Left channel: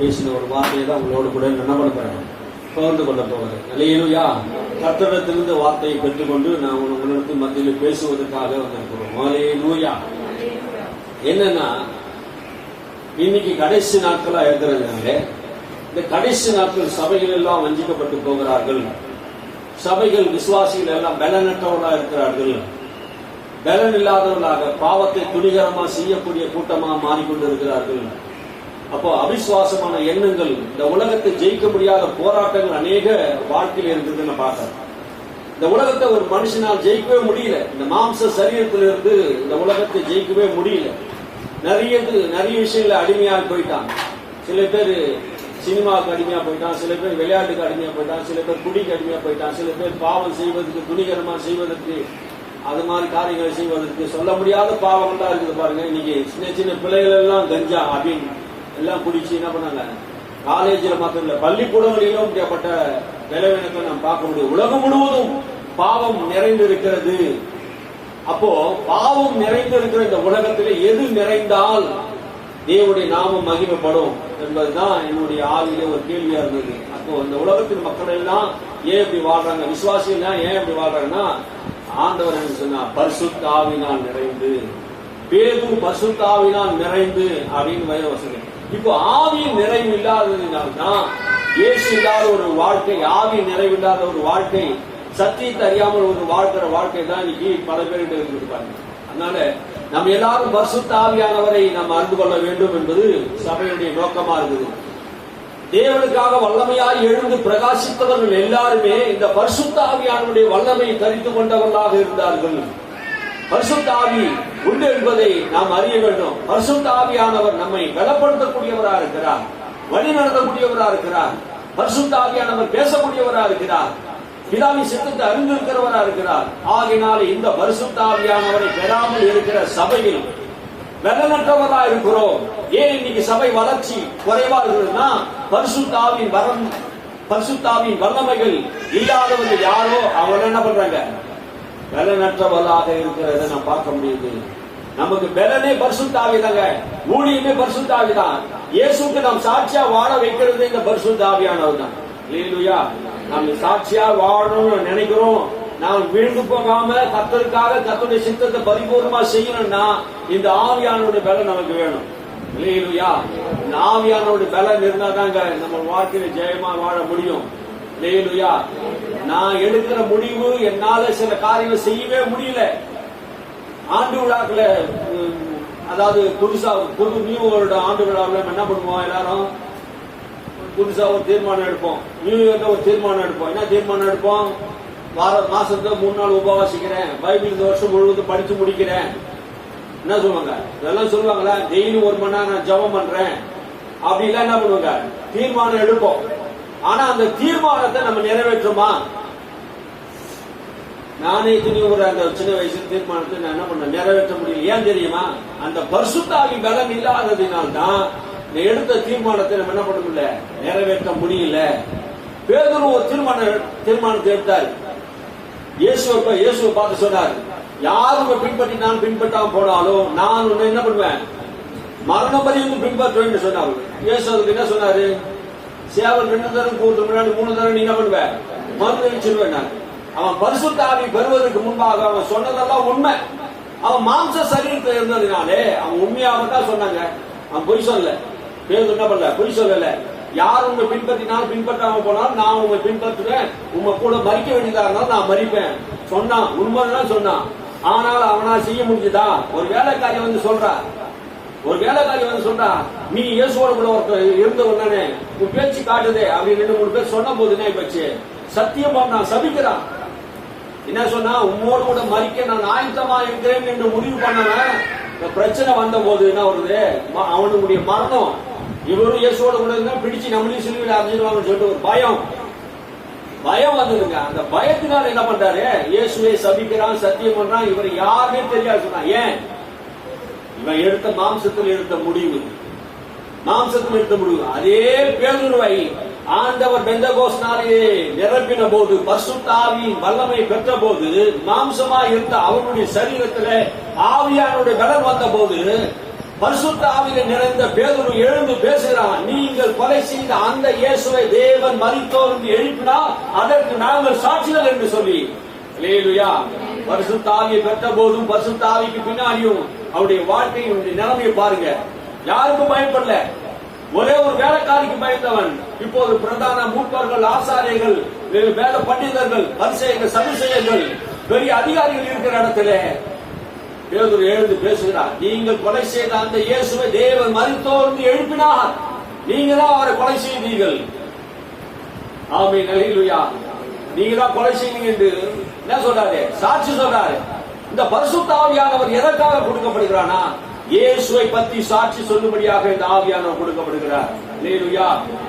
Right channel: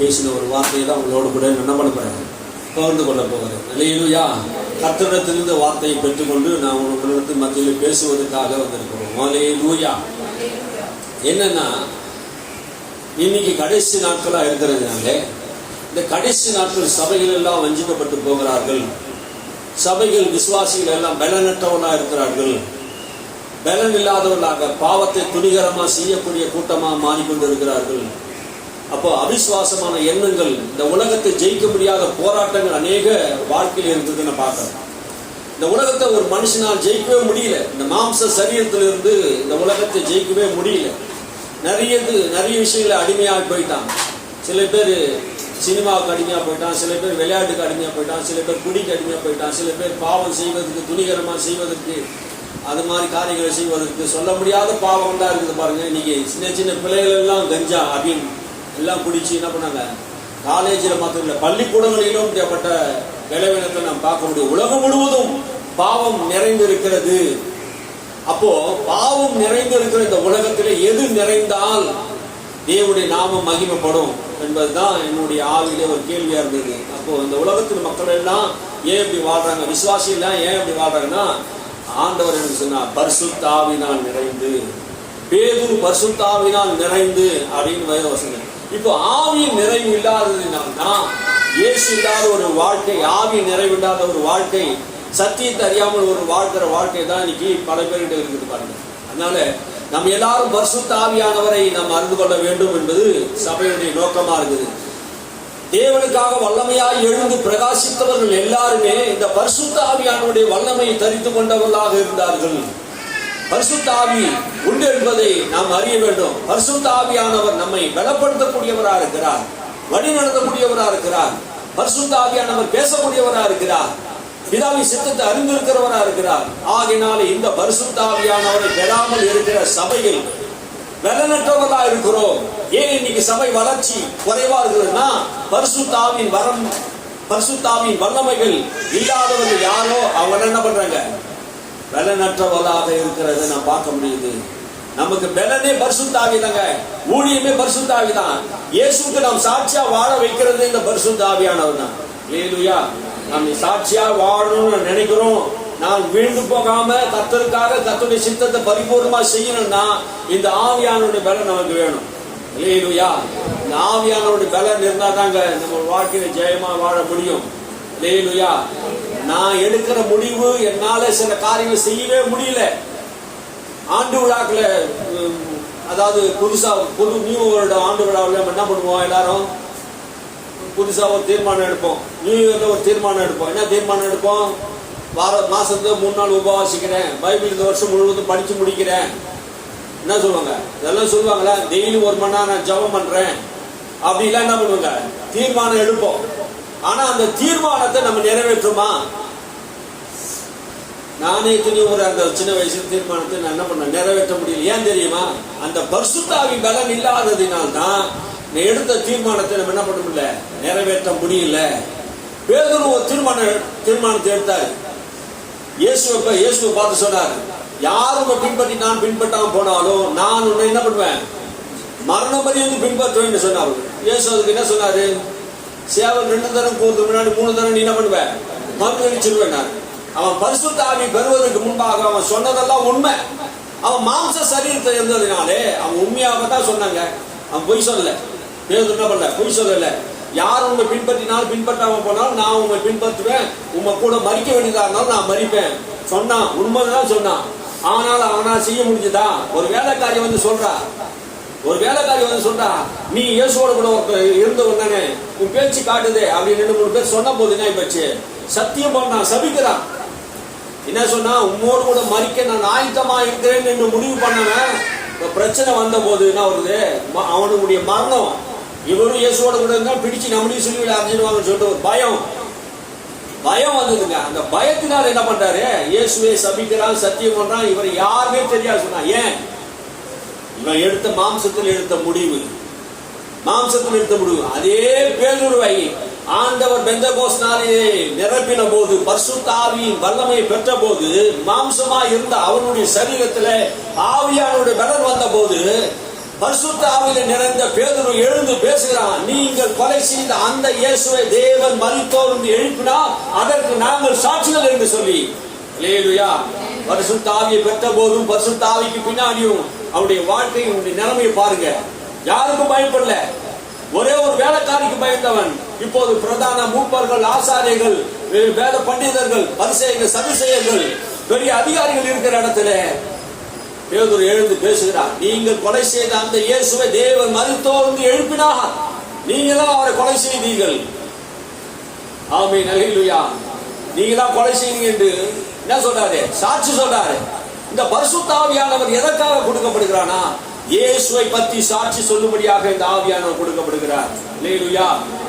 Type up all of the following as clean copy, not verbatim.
பேசின ஒரு வார்த்தையை தான் உங்களோடு கூட என்ன பண்ண போறேன், பகிர்ந்து கொள்ள போகிறேன். அல்லேலூயா. கர்த்தரிடத்திலிருந்து வார்த்தையை பெற்றுக்கொண்டு நான் உங்களிடத்தில் மத்தியில் பேசுவதற்காக வந்திருக்கிறோம். அல்லேலூயா. என்னன்னா, இன்னைக்கு கடைசி நாட்களா இருக்கிறதுனால இந்த கடைசி நாட்கள் சபைகள் எல்லாம் வஞ்சிக்கப்பட்டு போகிறார்கள். சபைகள் விசுவாசிகள் எல்லாம் பலனற்றவர்களாக இருக்கிறார்கள். பலன் இல்லாதவர்களாக பாவத்தை துணிகரமா செய்யக்கூடிய கூட்டமா மாறிக்கொண்டிருக்கிறார்கள். அப்போ அவிசுவாசமான எண்ணங்கள், இந்த உலகத்தை ஜெயிக்க முடியாத போராட்டங்கள் அநேக வாழ்க்கையில் இருக்குதுன்னு பார்க்கலாம். இந்த உலகத்தை ஒரு மனுஷனால் ஜெயிக்கவே முடியல. இந்த மாம்ச சரீரத்திலிருந்து இந்த உலகத்தை ஜெயிக்கவே முடியல. நிறைய விஷயங்களை அடிமையாக போயிட்டான். சில பேர் சினிமாவுக்கு அடிமையாக போயிட்டான், சில பேர் விளையாட்டுக்கு அடிமையாக போயிட்டான், சில பேர் குடிக்கு அடிமையாக போயிட்டான், சில பேர் பாவம் செய்வதற்கு, துணிகரமாக செய்வதற்கு, அது மாதிரி காரியங்களை செய்வதற்கு சொல்ல முடியாத பாவம் தான் இருக்குது பாருங்க. இன்னைக்கு சின்ன சின்ன பிள்ளைகள் எல்லாம் கஞ்சா அப்படின்னு எல்லாம் குடிச்சு என்ன பண்ணாங்க, காலேஜில் மாத்திரம் இல்லை பள்ளிக்கூடங்களிலும் இப்படிப்பட்ட விளைவினத்தை நாம் பார்க்க முடியும். உலகம் முழுவதும் பாவம் நிறைந்து இருக்கிறது. அப்போ பாவம் நிறைந்து இருக்கிற இந்த உலகத்திலே எது நிறைந்தால் தேவனுடைய நாமம் மகிமைப்படும் என்பதுதான் என்னுடைய ஆவியிலே ஒரு கேள்வியா இருந்தது. அப்போ இந்த உலகத்தின் மக்கள் எல்லாம் ஏன் இப்படி வாழ்றாங்க, விசுவாசிகள் ஏன் இப்படி வாழ்றாங்கன்னா, ஆண்டவர் என்று சொன்னா பரிசுத்த ஆவியினால் நிறைந்து, பேதுரு பரிசுத்த ஆவியினால் நிறைந்து அப்படின்னு வசனம். இப்போ ஆவியின் நிறைவு இல்லாததினால்தான், இயேசு இல்லாத ஒரு வாழ்க்கை, ஆவி நிறைவு இல்லாத ஒரு வாழ்க்கை, சத்தியத்தை அறியாமல் ஒரு வாழ்க்கிற வாழ்க்கை தான் இன்னைக்கு பல பேர்கிட்ட இருக்குது பாருங்க. அதனால நம்ம எல்லாரும் பரிசுத்த ஆவியானவரை நாம் அறிந்து கொள்ள வேண்டும் என்பது சபையுடைய நோக்கமா இருக்குது. தேவனுக்காக வல்லமையாய் எழுந்து பிரகாசித்தவர்கள் எல்லாருமே இந்த பரிசுத்த ஆவியானவருடைய வல்லமையை தரித்து கொண்டவர்களாக இருந்தார்கள். பரிசுத்த ஆவி உண்டு என்பதை நாம் அறிய வேண்டும். பரிசுத்த ஆவியானவர் நம்மை பலப்படுத்தக்கூடியவராக இருக்கிறார், வழி நடத்தக்கூடியவராக இருக்கிறார். பரிசுத்த ஆவியானவர் பேசக்கூடியவராக இருக்கிறார், பிதாவின் சித்தத்தை அறிந்திருக்கிறவராக இருக்கிறார். ஆகினாலே இந்த பரிசுத்த ஆவியானவரை பெறாமல் இருக்கிற சபையில் பலனற்றவர்களாக இருக்கிறோம். ஏன் இன்னைக்கு சபை வளர்ச்சி குறைவா இருக்குதுன்னா, பரிசுத்த ஆவியின் வரம், பரிசுத்த ஆவியின் வல்லமைகள் இல்லாதவர்கள் யாரோ அவங்க என்ன பண்றாங்க, பலனற்றவர்களாக இருக்கிறத நான் பார்க்க முடியுது. நமக்கு பலனே பரிசுத்த ஆவி தாங்க, ஊழியமே பரிசுத்த ஆவி தான். இயேசுக்கு நாம் சாட்சியா வாழ வைக்கிறது இந்த பரிசுத்த ஆவியானவர் தான். அல்லேலூயா. நாம் சாட்சியா வாழணும்னு நினைக்கிறோம். நாம் விழுந்து போகாம கர்த்தருக்காக கர்த்தருடைய சித்தத்தை பரிபூர்ணமா செய்யணும்னா இந்த ஆவியானவருடைய பலன் நமக்கு வேணும். அல்லேலூயா. இந்த ஆவியானவருடைய பலன் இருந்தா தாங்க நம்ம வாழ்க்கையில ஜெயமா வாழ முடியும். அல்லேலூயா. நான் எடுக்கிற முடிவு என்னால சில காரியங்கள் செய்யவே முடியல. ஆண்டு விழாக்களை, அதாவது புதுசா நியூ வருடம் ஆண்டு விழாவில் என்ன பண்ணுவோம், எல்லாரும் புதுசா ஒரு தீர்மானம் எடுப்போம். நியூ இயர்ல ஒரு தீர்மானம் எடுப்போம். என்ன தீர்மானம் எடுப்போம், மாசத்துல 3 நாள் உபவாசிக்கிறேன், பைபிள் இந்த வருஷம் முழுவதும் படிச்சு முடிக்கிறேன். என்ன சொல்லுவாங்க, இதெல்லாம் சொல்லுவாங்களா, டெய்லி 1 மணி நேரம் நான் ஜெபம் பண்றேன் அப்படிலாம் என்ன பண்ணுவாங்க, தீர்மானம் எடுப்போம். ஆனா அந்த தீர்மானத்தை நம்ம நிறைவேற்றுமா? நானே ஒரு அந்த சின்ன வயசுல தீர்மானத்தை நான் என்ன பண்ண நிறைவேற்ற முடியல. ஏன் தெரியுமா? அந்த பரிசுத்த ஆவியின் பலன் இல்லாததினால்தான் எடுத்த தீர்மானத்தை நம்ம என்ன பண்ண முடியல, நிறைவேற்ற முடியல. பேதுரு ஒரு தீர்மானத்தை எடுத்தாரு. இயேசுவை பார்த்து சொன்னார், யாரும் பின்பற்றி நான் பின்பற்றாம போனாலும் நான் உன்னை என்ன பண்ணுவேன், மரணம் பரியந்தம் பின்பற்றுவேன் சொன்னார். இயேசு அதுக்கு என்ன சொன்னாரு, சேவல் 2 தரம் கூறதுக்கு முன்னாடி 3 தரம் நீ என்ன பண்ணுவேன், மறுதளிச்சிருவேன். அவன் பரிசுத்த ஆவி பெறுவதற்கு முன்பாக அவன் சொன்னதெல்லாம் உண்மை. அவன் மாம்ச சரீரத்தில் இருந்ததுனாலே அவன் உண்மையாக தான் சொன்னாங்க. அவன் பொய் சொல்லல. பேதுரு என்ன பண்ணல, பொய் சொல்லல. யார் உண்மை பின்பற்றினாலும் பின்பற்றாம போனாலும் நான் உண்மை பின்பற்றுவேன், உண்மை கூட மறிக்க வேண்டியதா இருந்தாலும் நான் மறிப்பேன் சொன்னான். உண்மைதான் சொன்னான். ஆனால் அவனால் செய்ய முடிஞ்சதா? ஒரு வேலைக்காரி வந்து சொல்றா, நீ இயேசுவோட கூட இருந்தவன் தானே, உன் பேச்சு காட்டுதே அப்படின்னு 2-3 பேர் சொன்ன போது என்ன போச்சு, சத்தியம் பண்ணான், சபிக்கிறான். என்ன சொன்னா, உம்மோடு கூட மறிக்க நான் ஆயத்தமா இருக்கிறேன் என்று முடிவு பண்ணவன் பிரச்சனை வந்த போது என்ன வருது, அவனுடைய மரணம், இவரும் இயேசுவோட கூட இருந்தா பிடிச்சு நம்மளையும் சிலுவையில் அரைஞ்சிடுவாங்கன்னு சொல்லிட்டு ஒரு பயம் வந்ததுங்க. அந்த பயத்தினால என்ன பண்றாரு, இயேசுவை சபிக்கிறான், சத்தியம் பண்றான். இவர் யாருமே தெரியாது சொன்னா. ஏன்? இவன் எடுத்த மாம்சத்தில் எடுத்த முடிவு. அதே பேதுருவை ஆண்டவர் பெந்தகோஸ்து நாளிலே நிரப்பின போது, பரிசுத்த ஆவியின் வல்லமையை பெற்ற போது, மாம்சமா இருந்த அவனுடைய சரீரத்தில் ஆவியானுடைய பலன் வந்த போது பரிசுத்த ஆவியிலே நிறைந்த பேதுரு எழுந்து பேசுகிறான். நீங்கள் கொலை செய்த அந்த இயேசுவை தேவன் மரித்தோர் என்று எழுப்பினார், அதற்கு நாங்கள் சாட்சிகள் என்று சொல்லி. அல்லேலூயா. பரிசுத்த ஆவியை பெற்ற போதும் பரிசுத்த ஆவிக்கு பின்னாடியும் அவருடைய வாழ்க்கையினுடைய நிலைமையை பாருங்க. யாருக்கும் பயப்படல. ஒரே ஒரு வேலைக்காரிக்கு பயந்தவன். இப்போது பிரதான மூப்பர்கள், ஆசாரியர்கள், வேத பண்டிதர்கள், பரிசேயர்கள், சதுசேயர்கள், பெரிய அதிகாரிகள் இருக்கிற இடத்துல பேதுரு எழுந்து பேசுகிறார். நீங்கள் கொலை செய்த அந்த இயேசுவை தேவன் மரித்தோர் என்று எழுப்பினார், நீங்களும் அவரை கொலை செய்தீர்கள். ஆமென். அல்லேலூயா. நீங்களா கொலை செய்தீங்க என்று என்ன சொல்றாரு? சாட்சி சொல்றாரு. இந்த பரிசுத்த ஆவியானவர் எதற்காக கொடுக்கப்படுகிறானா? இயேசுவை பற்றி சாட்சி சொல்லும்படியாக இந்த ஆவியானவர் கொடுக்கப்படுகிறார். அல்லேலூயா.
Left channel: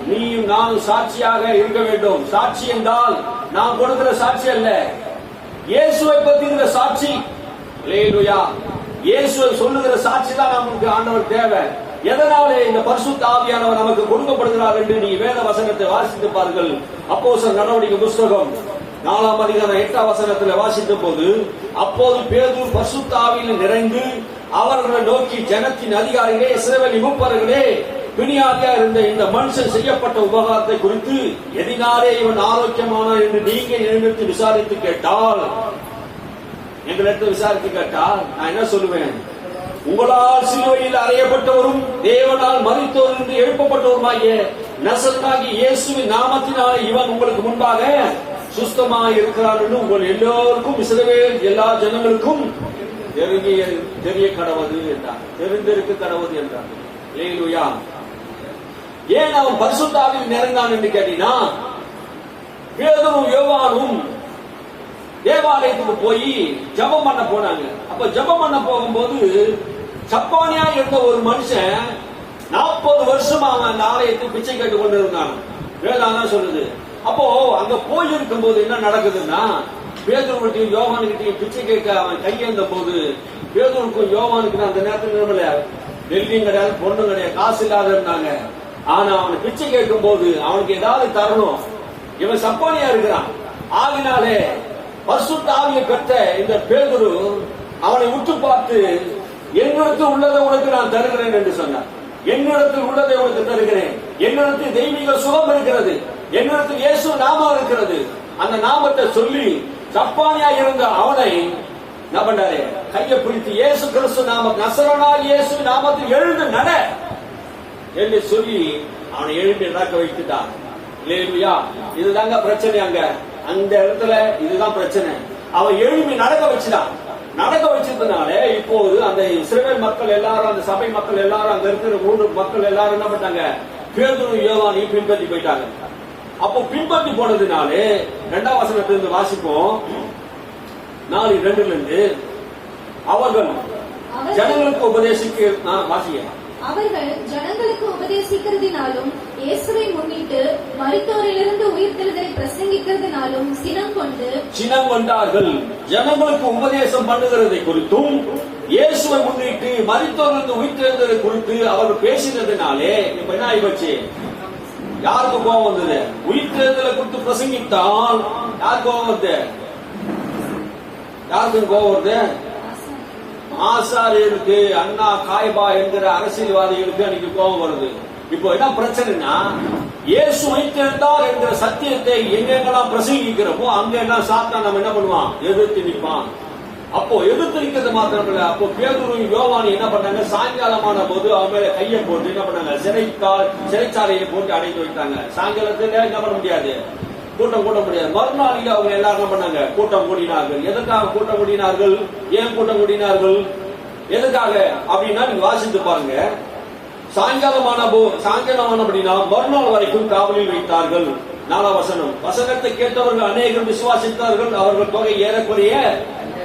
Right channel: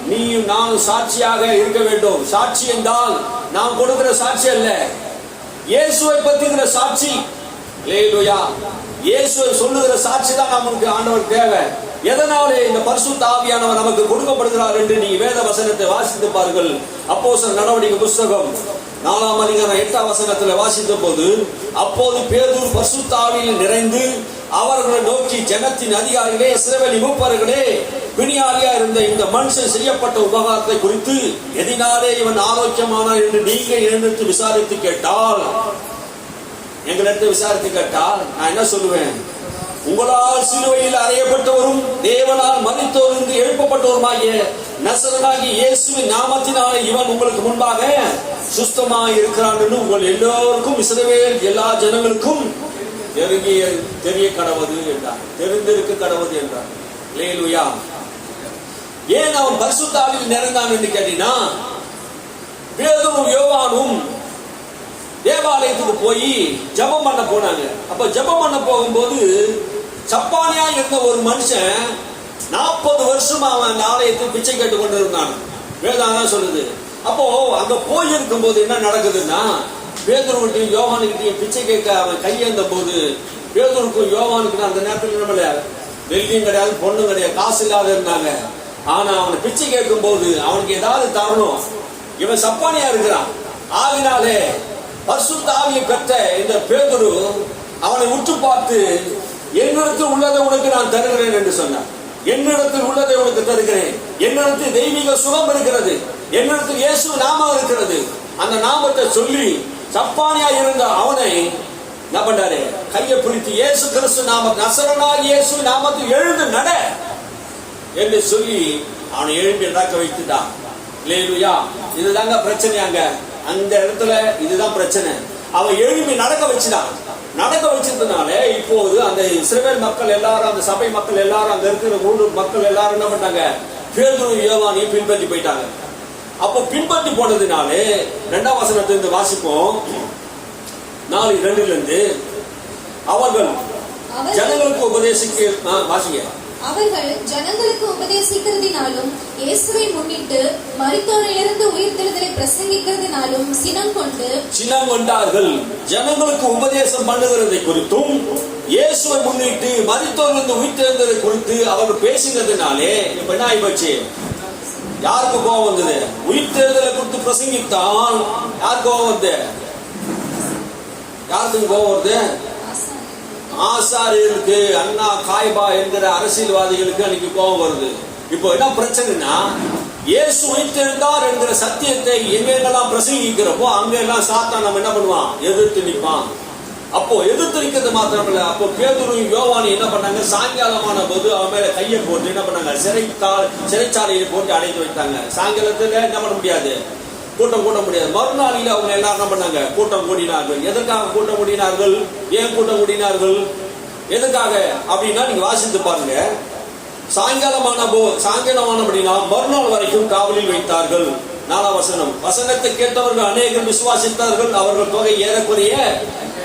நீயும் நானும் சாட்சியாக இருக்க வேண்டும். சாட்சி என்றால் நாம் கொடுக்கிற சாட்சி அல்ல, இயேசுவை பற்றிக்கிற சாட்சி. அல்லேலூயா. இயேசுவை சொல்லுகிற சாட்சி தான் நமக்கு ஆண்டவர் தேவை. எதனாலே இந்த பரிசுத்த ஆவியானவர் நமக்கு கொடுக்கப்படுகிறார் என்று நீங்க வேத வசனத்தை வாசித்து பாருங்கள். அப்போஸ்தலர் நடவடிக்கை புத்தகம் 4ஆம் அதிகாரம் 8ஆம் வசனத்தில் வாசித்த போது, அப்போது பேதுரு பரிசுத்த ஆவியில் நிறைந்து அவர்களை நோக்கி, ஜனத்தின் அதிகாரிகளே, இஸ்ரவேல் மூப்பர்களே, பிணியாளியா இருந்த இந்த மனுஷன் செய்யப்பட்ட உபகாரத்தை குறித்து எதினாலே இவன் ஆரோக்கியமானார் என்று நீங்க என்னிடத்து விசாரித்து கேட்டால், எங்களிடத்து விசாரித்து கேட்டால் நான் என்ன சொல்லுவேன்? உங்களால் சிலுவையில் அறையப்பட்டவரும் தேவனால் மரித்தோரிலிருந்து எழுப்பப்பட்டவருமாகிய நசரேயனாகிய இயேசுவின் நாமத்தினாலே இவன் உங்களுக்கு முன்பாக சுஸ்தமாய் இருக்கிறான் என்று உங்கள் எல்லோருக்கும், இஸ்ரவேல் எல்லா ஜனங்களுக்கும் தெரிய கடவது என்றார். தெரிந்திருக்க கடவது என்றார். அல்லேலூயா. ஏன் அவன் பரிசுத்த ஆவியில் நிறைந்தான் என்று கேட்டீங்கன்னா, பேதுரும் யோவானும் தேவாலயத்துக்கு போய் ஜெபம் பண்ண போனாங்க. அப்ப ஜெபம் பண்ண போகும்போது சப்பானியா இருந்த ஒரு மனுஷன் 40 வருஷம் அவன் ஆலயத்தை பிச்சை கேட்டு கொண்டு இருந்தான். வேதாதான் சொல்லுது. அப்போ அங்க போயிருக்கும் போது என்ன நடக்குதுன்னா, பேதுருவிட்டையும் யோவானுக்கிட்டையும் பிச்சை கேட்க அவன் கையேந்த போது, பேதுருக்கும் யோவானுக்கு அந்த நேரத்தில் நம்மள வெள்ளியும் கிடையாது, பொண்ணும் கிடையாது, காசு இல்லாத இருந்தாங்க. ஆனா அவனை பிச்சை கேட்கும் போது அவனுக்கு ஏதாவது தரணும். இவன் சப்பானியா இருக்கிறான். ஆகினாலே பரிசுத்த ஆவியை பெற்ற இந்த பேதுரு அவனை உற்று பார்த்து, என்னிடத்தில் உள்ளதை உனக்கு நான் தருகிறேன் என்று சொன்னான். என்னிடத்தில் உள்ளதை உனக்கு தருகிறேன். என்னிடத்தில் தெய்வீக சுகம் இருக்கிறது. என்னிடத்தில் இயேசு நாமம் இருக்கிறது. அந்த நாமத்தை சொல்லி சப்பானியா இருந்த அவனை என்ன பண்றாரு? கையை பிடித்து இயேசு கிறிஸ்து நாம, நசரேயனாகிய இயேசு நாமத்தில் எழுந்து நட என்று சொல்லி அவனை எழுப்பி நடக்க வைத்துட்டான். அல்லேலூயா. இதுதாங்க பிரச்சனை. அந்த இடத்துல இதுதான் பிரச்சனை. அவன் எழுப்பி நடக்க வச்சுட்டான். நடக்க வச்சதுனால இப்போது அந்த இஸ்ரவேல் மக்கள் எல்லாரும், அந்த சபை மக்கள் எல்லாரும், அங்க இருக்கிற ஊர் மக்கள் எல்லாரும் என்ன பண்ணாங்க? பேதுரு யோவானையும் பின்பற்றி போயிட்டாங்க. அப்போ பின்பற்றி போனதுனாலே 2ஆம் வசனத்திலிருந்து வாசிப்போம். 4:2 அவர்கள் ஜனங்களுக்கு உபதேசிக்க வாசிங்க. அவர்கள் ஜனங்களுக்கு உபதேசிக்கிறதினாலும் இயேசுவை முன்னிட்டு மரித்தோரிலிருந்து உயிர்த்தெழுதலை பிரசங்கிக்கிறதினாலும் சினம் கொண்டார்கள். ஜனங்களுக்கு உபதேசம் பண்ணுகிறதை குறித்தும் இயேசுவை முன்னிட்டு மரித்தோரிலிருந்து உயிர்த்தெழுதலை குறித்து அவர்கள் பேசினதுனாலே இப்ப என்ன ஆயிப்போச்சு? யாருக்கு கோபம் வந்தது? உயிர்த்தெழுதலை குறித்து பிரசங்கித்தால் யாருக்கு கோபம் வருது? யாருக்கு கோபம் வருது? ஆசாரியர்களுக்கு, அண்ணா காய்பா என்கிற அரசியல்வாதிகளுக்கு அன்னைக்கு கோபம் வருது. இப்போ என்ன பிரச்சனைனா, இயேசு உயிர்த்தெழுந்தார் என்கிற சத்தியத்தை எங்கெங்கெல்லாம் பிரசங்கிக்கிறப்போ அங்கெல்லாம் சாத்தான் நம்ம என்ன பண்ணுவான்? எதிர்த்து நிற்பான். அப்போ எதிர்த்து நிற்கிறது மாத்திரமில்ல, அப்போ பேதுரு யோவானு என்ன பண்ணாங்க? சாயங்காலமான போது அவன் மேல கையை போட்டு என்ன பண்ணாங்க? சிறைச்சாலையில் போட்டு அடைத்து வைத்தாங்க. சாயங்காலத்துல என்ன பண்ண முடியாது? கூட்டம் கூட்ட முடியாது. மறுநாளில் அவங்க எல்லாரும் என்ன பண்ணாங்க? கூட்டம் கூடினார்கள். எதற்காக கூட்டம் கூடினார்கள்? ஏன் கூட்டம் கூடினார்கள்? எதுக்காக அப்படின்னா நீங்க வாசித்து பாருங்க. சாயங்காலம் அப்படின்னா மறுநாள் வரைக்கும் காவலில் வைத்தார்கள். 4ஆம் வசனம். வசனத்தை கேட்டவர்கள் அநேகர் விசுவாசித்தார்கள். அவர்கள் தொகை ஏறக்குறைய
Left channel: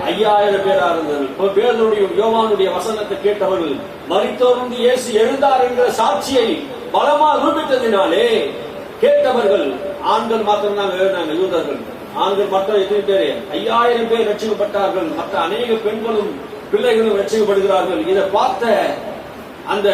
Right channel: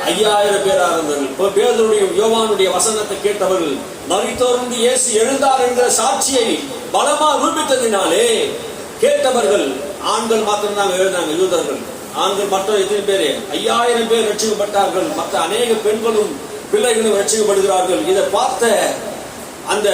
5000 பேரா இருந்தார்கள். இப்போ பேதுருடைய யோவானுடைய வசனத்தை கேட்டவர்கள் மரித்தோரிலிருந்து இயேசு எழுந்தார் என்கிற சாட்சியை பலமா ரூபித்ததினாலே கேட்டவர்கள் ஆண்கள் மாத்திரம் தான் எழுந்தாங்க. யூதர்கள் ஆண்கள் மட்டும் எத்தனை பேரு? 5000 பேர் ரட்சிக்கப்பட்டார்கள். மற்ற அநேக பெண்களும் பிள்ளைகளும் ரட்சிக்கப்படுகிறார்கள். இதை பார்த்த அந்த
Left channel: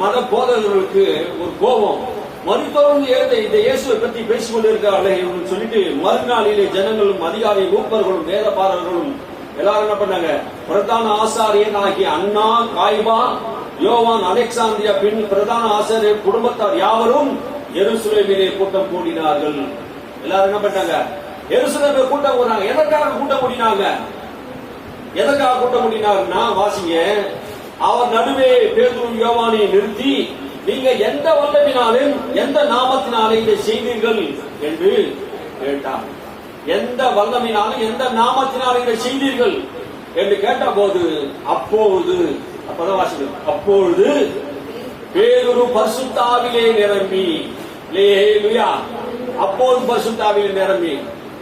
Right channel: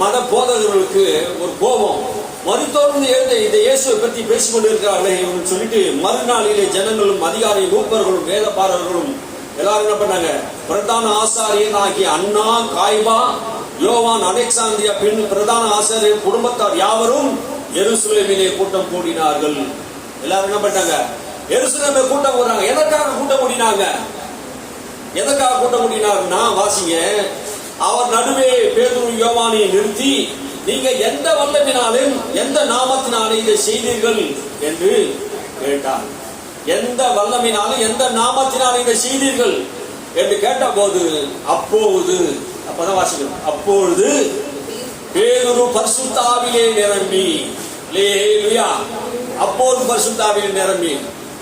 மத போதகர்களுக்கு ஒரு கோபம். மரித்தோரிலிருந்து எழுந்த இந்த இயேசுவை பற்றி பேசிக் கொண்டிருக்கிறார்கள் சொல்லிட்டு மறுநாளிலே ஜனங்களும் அதிகாரி மூப்பர்களும் வேதபாரர்களும் எல்லாரும் என்ன பண்ணாங்க? பிரதான ஆசாரியன் ஆகிய அண்ணா, காய்பா, யோவான், அலெக்சாந்திரியா பின் பிரதான ஆசிரியர் குடும்பத்தார் யாவரும் எருசலேமிலே கூட்டம் கூடினார்கள். எல்லாரும் என்ன பண்ணாங்க? எருசலேமிலே கூட்டம் கூடுறாங்க. எதற்காக கூட்டம் கூடினாங்க? எதற்காக கூட்டம் கூடினார்னா, வாசிங்க, அவர் நடுவே பேதுரு யோவானை நிறுத்தி, நீங்க எந்த வல்லமினாலும் எந்த நாமத்தினாலே இதை செய்தீர்கள் என்று கேட்டார். எந்த வல்லமினாலும் எந்த நாமத்தினாலே இதை செய்தீர்கள் என்று கேட்ட போது, அப்பதான் வாசிக்கணும், அப்பொழுது பேதுரு பரிசுத்த ஆவியிலே நிரம்பி, அல்லேலூயா, அப்போது பரிசுத்த ஆவியிலே நிரம்பி.